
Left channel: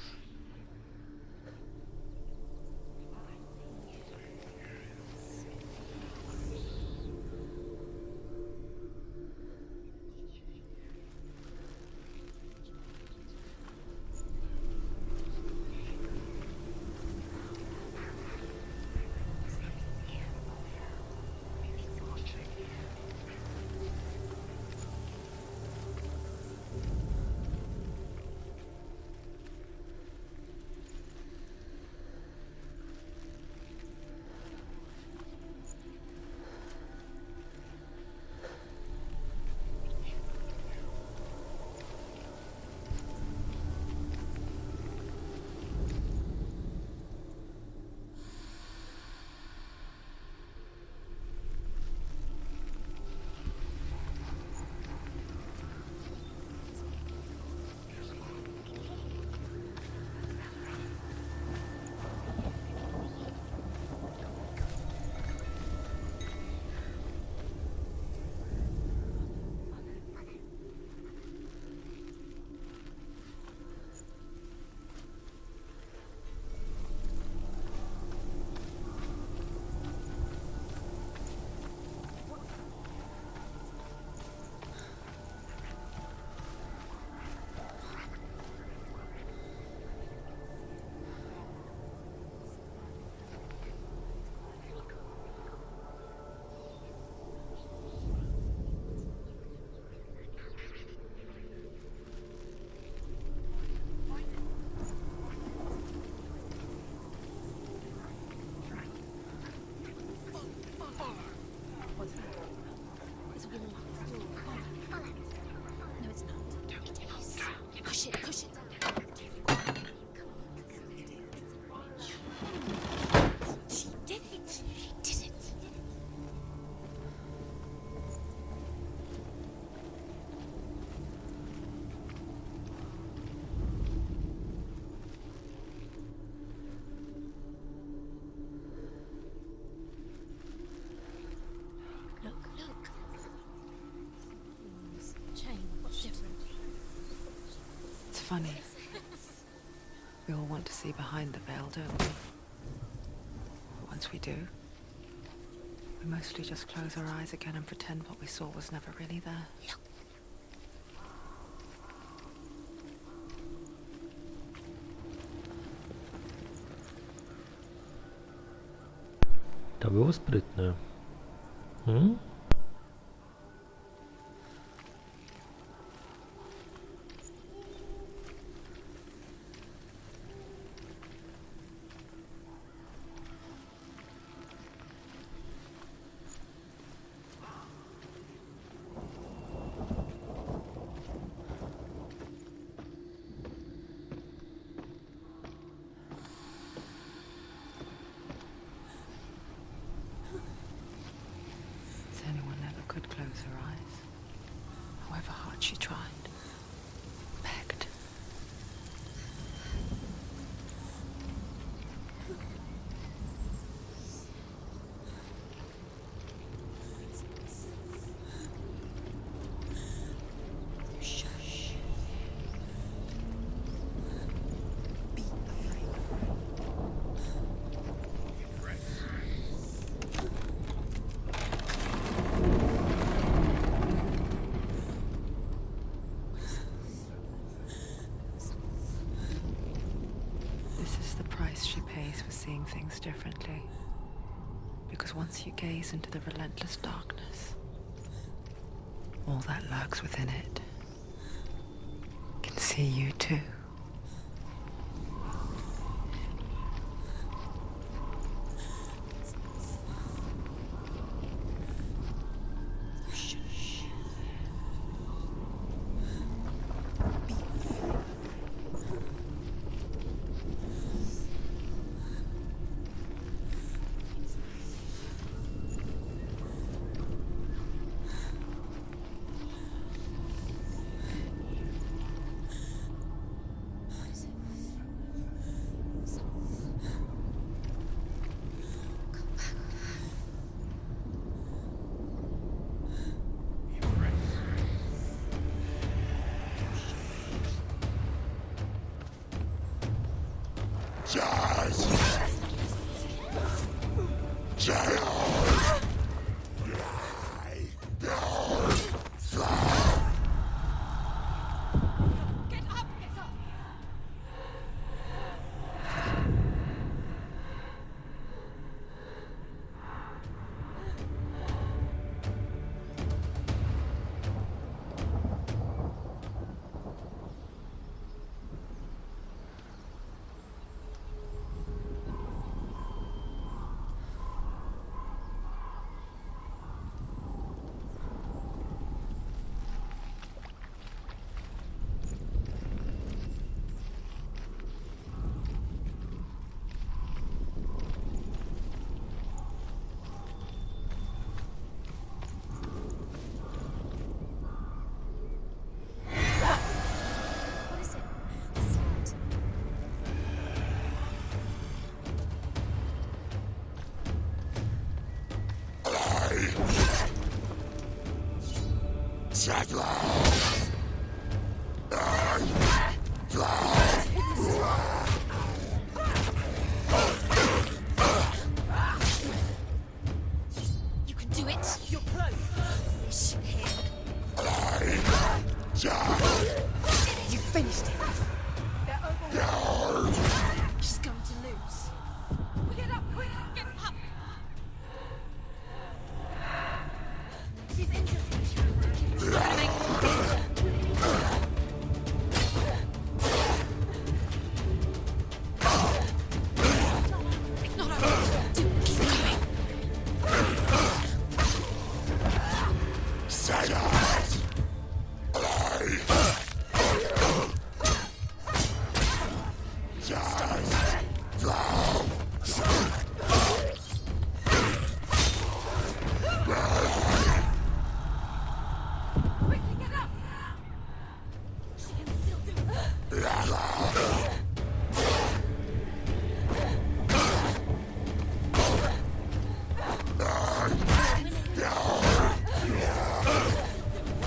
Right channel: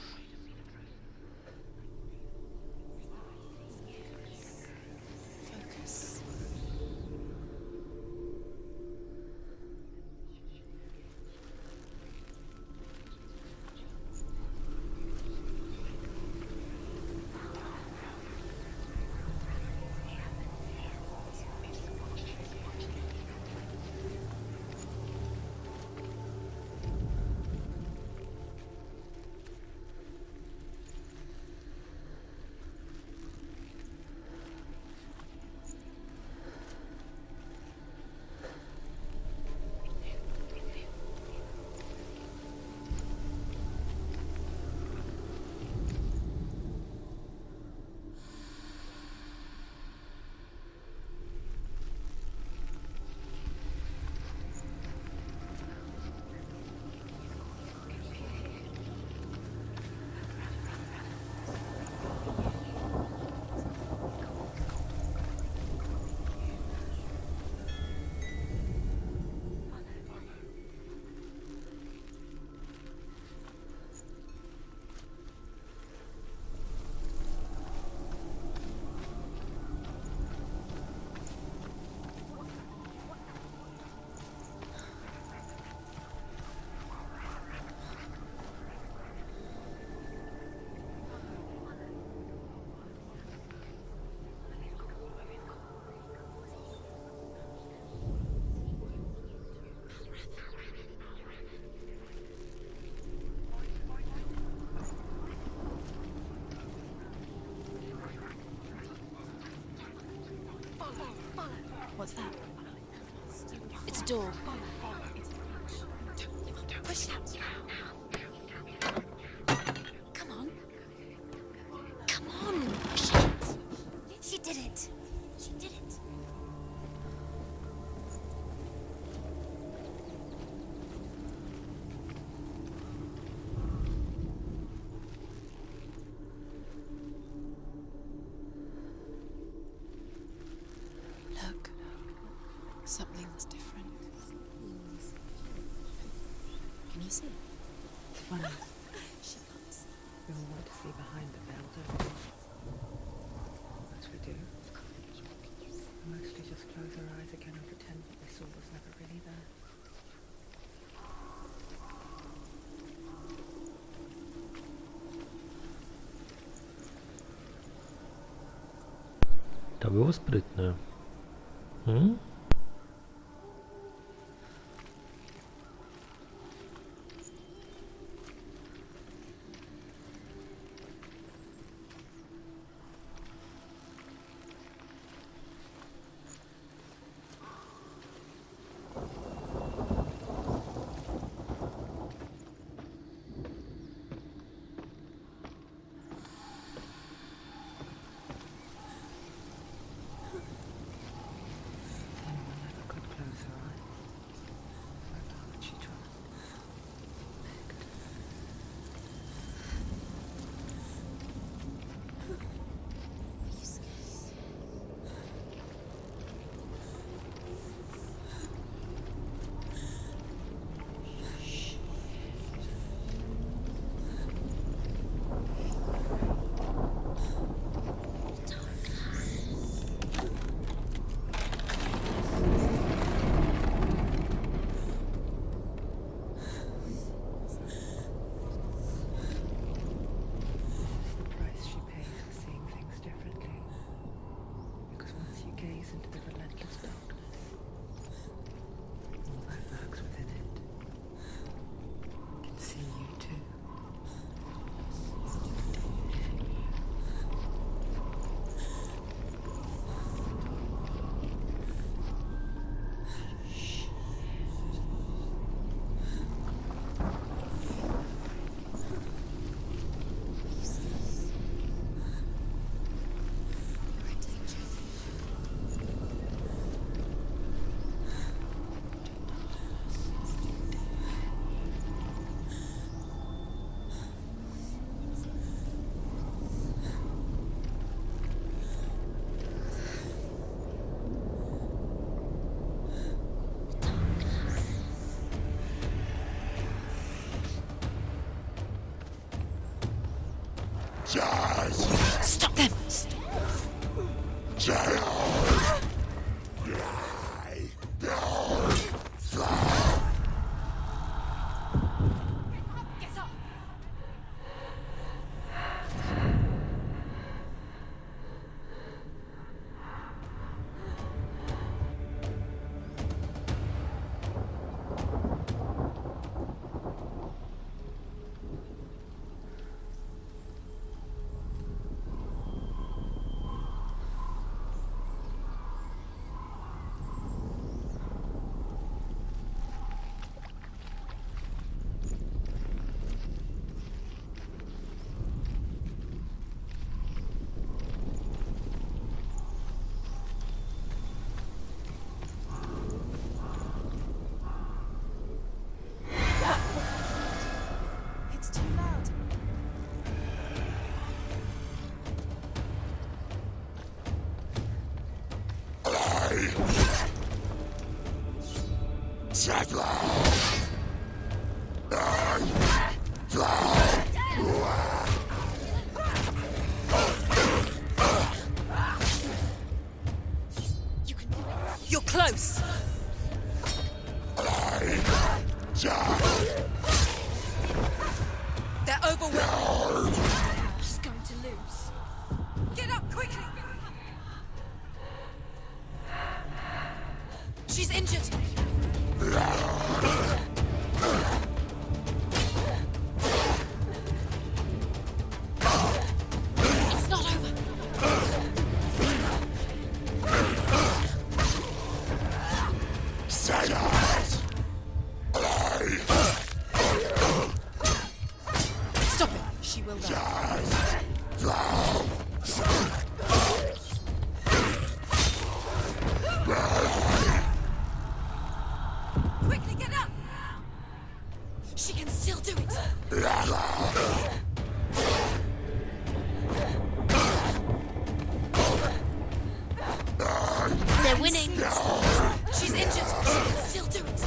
What's that? It's a door. Push it. Push it. Push it. Come on. Come on. Push it. She did it. She did it. She did it. Look. Something's different. Things change. Different. Can you see it? It's funny. We all want to see behind the veil, don't we? Once we do, we mostly just close our eyes again and pretend what we saw was never really there. To było sprytne. Senua never could close her eyes, however hard she tried, begged. This is the price she pays for seeing things differently. Because once you gaze into the relentless darkness, all that lurks within it can see you too. Stop them! Get up! Get up! It's too loud. You can do it. You're close. You finished it. They're overwhelmed. She's going to lose. Get up quickly. Get up. She's injured. It's not over. It's not over. Stop. She will last. Quickly get up. She can still do it. They're winning. She's injured. She can still do it.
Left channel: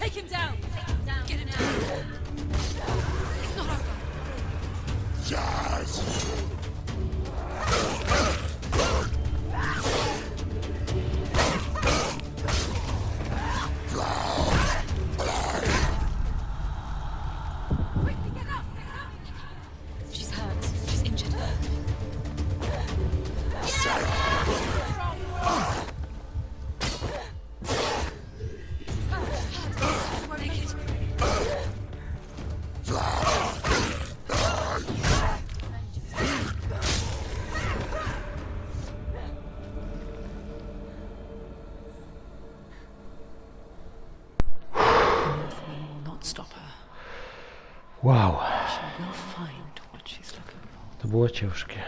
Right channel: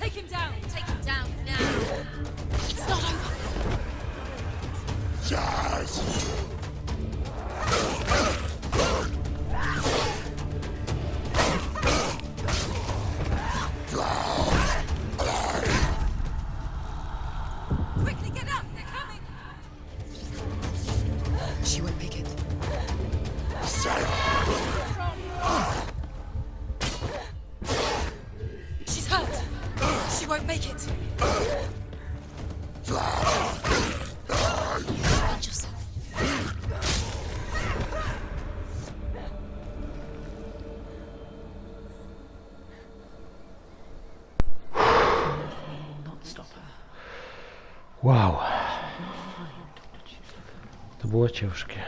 Take him down. Take him down. Get him down. It's not over. It's not over. Quickly get up. They're coming. She's hurt. She's injured. She won't make it. She's hurt. She won't make it. Not stop her. Wow, Find what she's looking for. to było ciężkie.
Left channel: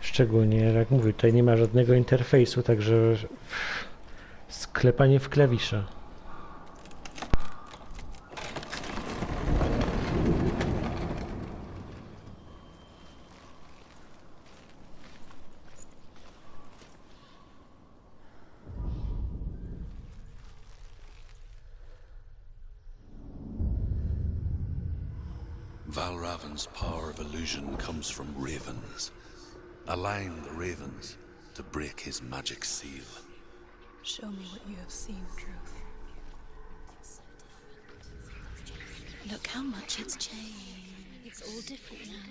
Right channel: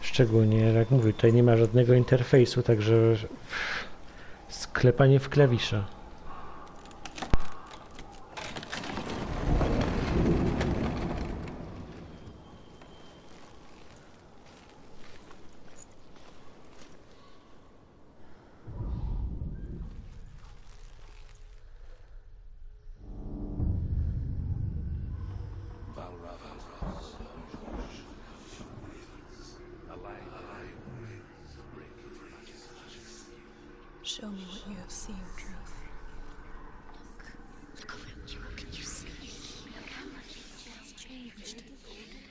Szczególnie, jak mówię, tutaj nie ma żadnego interfejsu, także sklepanie w klawisze. Valravan's power of illusion comes from ravens. Align the ravens to break his magic seal. Show me what you have seen, Truth. Look how much it's changed. It's all different now.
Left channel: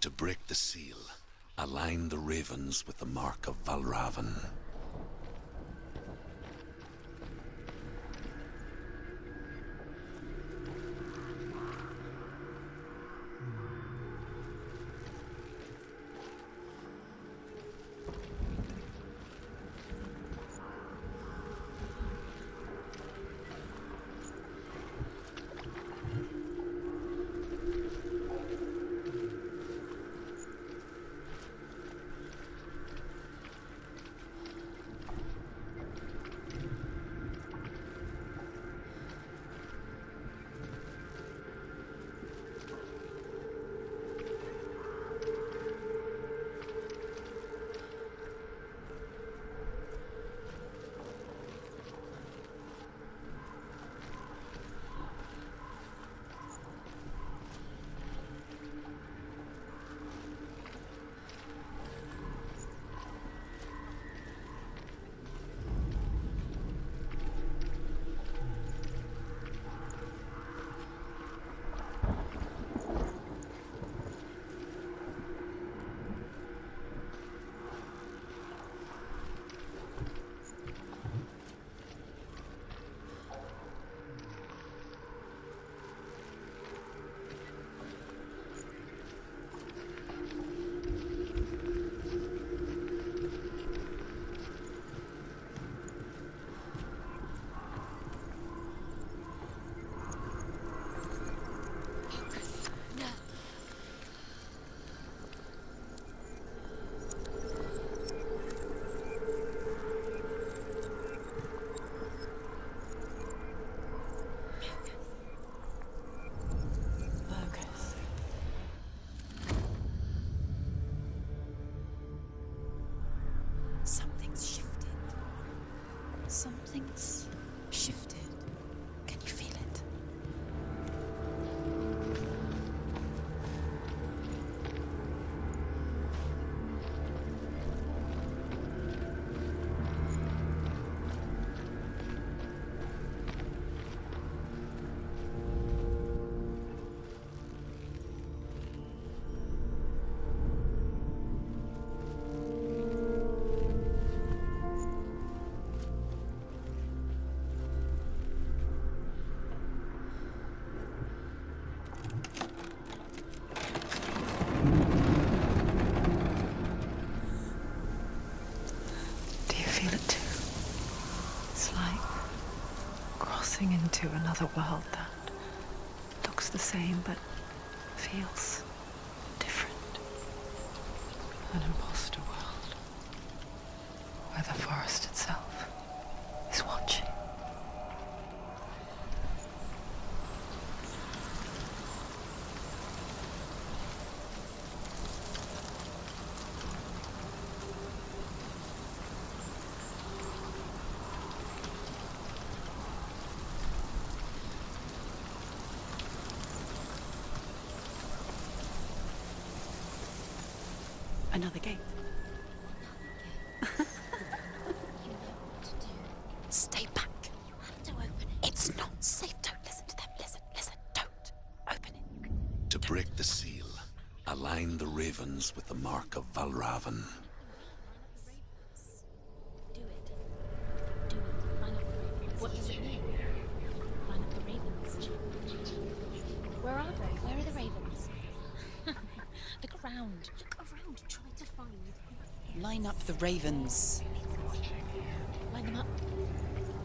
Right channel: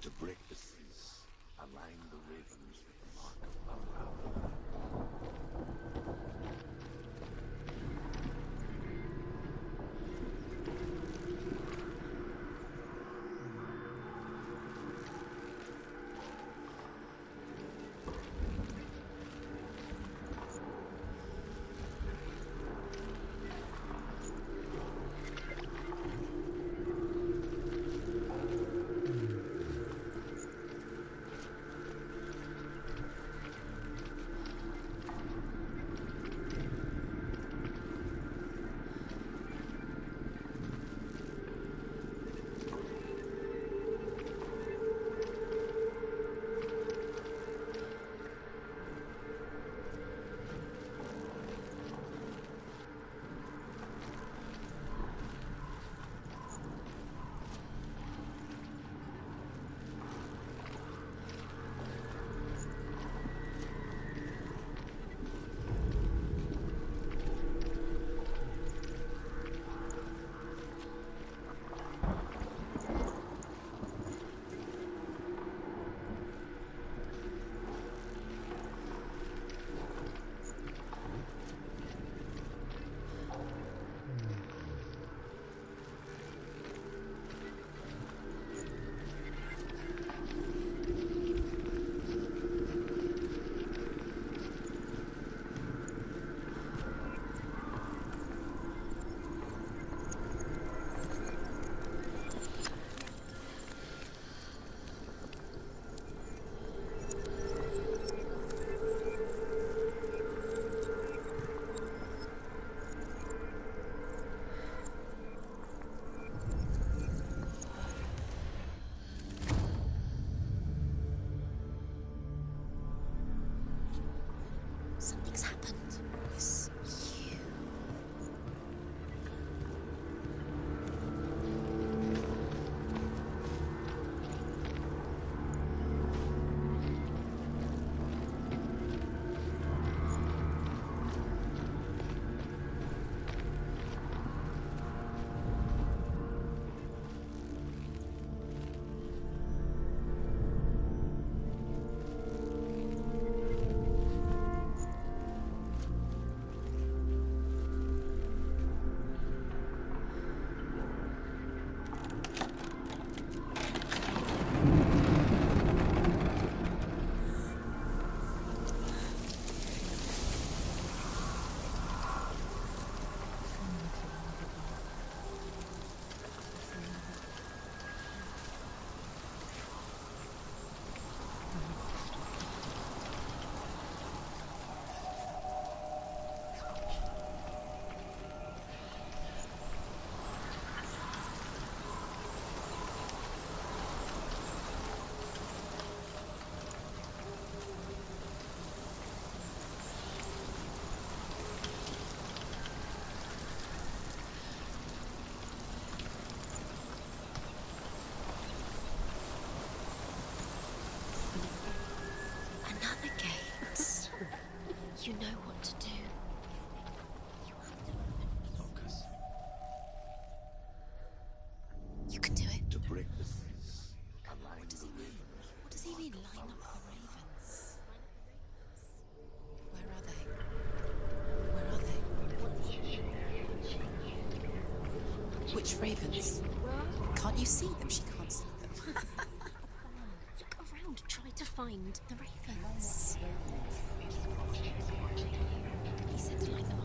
To break the seal, align the ravens with the mark of Valravan. same, but feels different. An imposter world where the forest itself is watching. Another gate. Another gate. You know what to do. Stay back. You have to open it. It's not safe. Don't listen to them. Listen. Don't. Open it. You can do it. To break the seal, align the ravens with the mark of Valravan. Where are they? What does it mean? Which ravens? Where are they? Can't you see them? She can't see them. Look around. Look around. Try to find the ravens. Line up the ravens. Line them up. He said to line them up.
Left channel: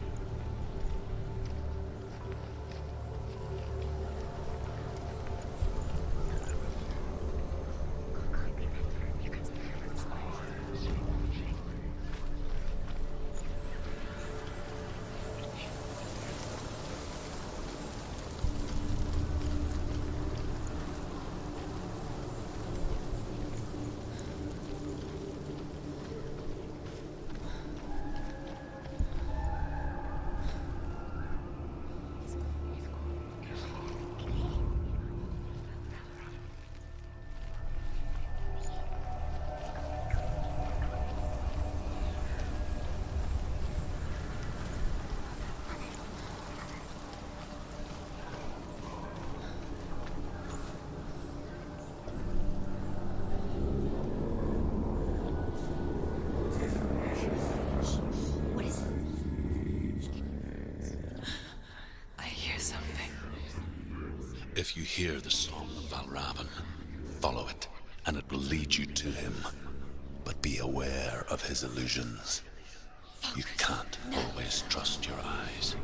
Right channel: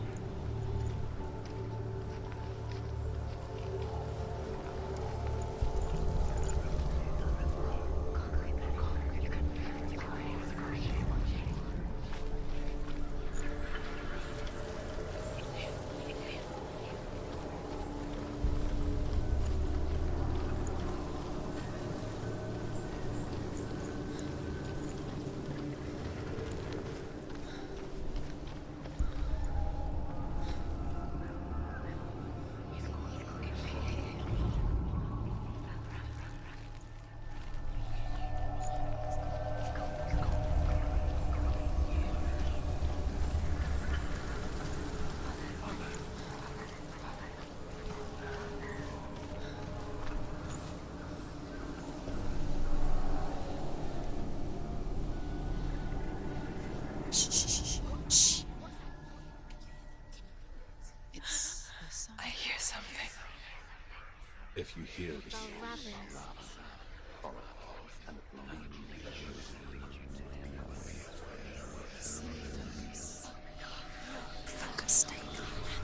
Shh. What is it? I hear something. If you hear the song of Valravan, follow it, and it will lead you to him. But be aware of his illusions. You can't always trust your eyes.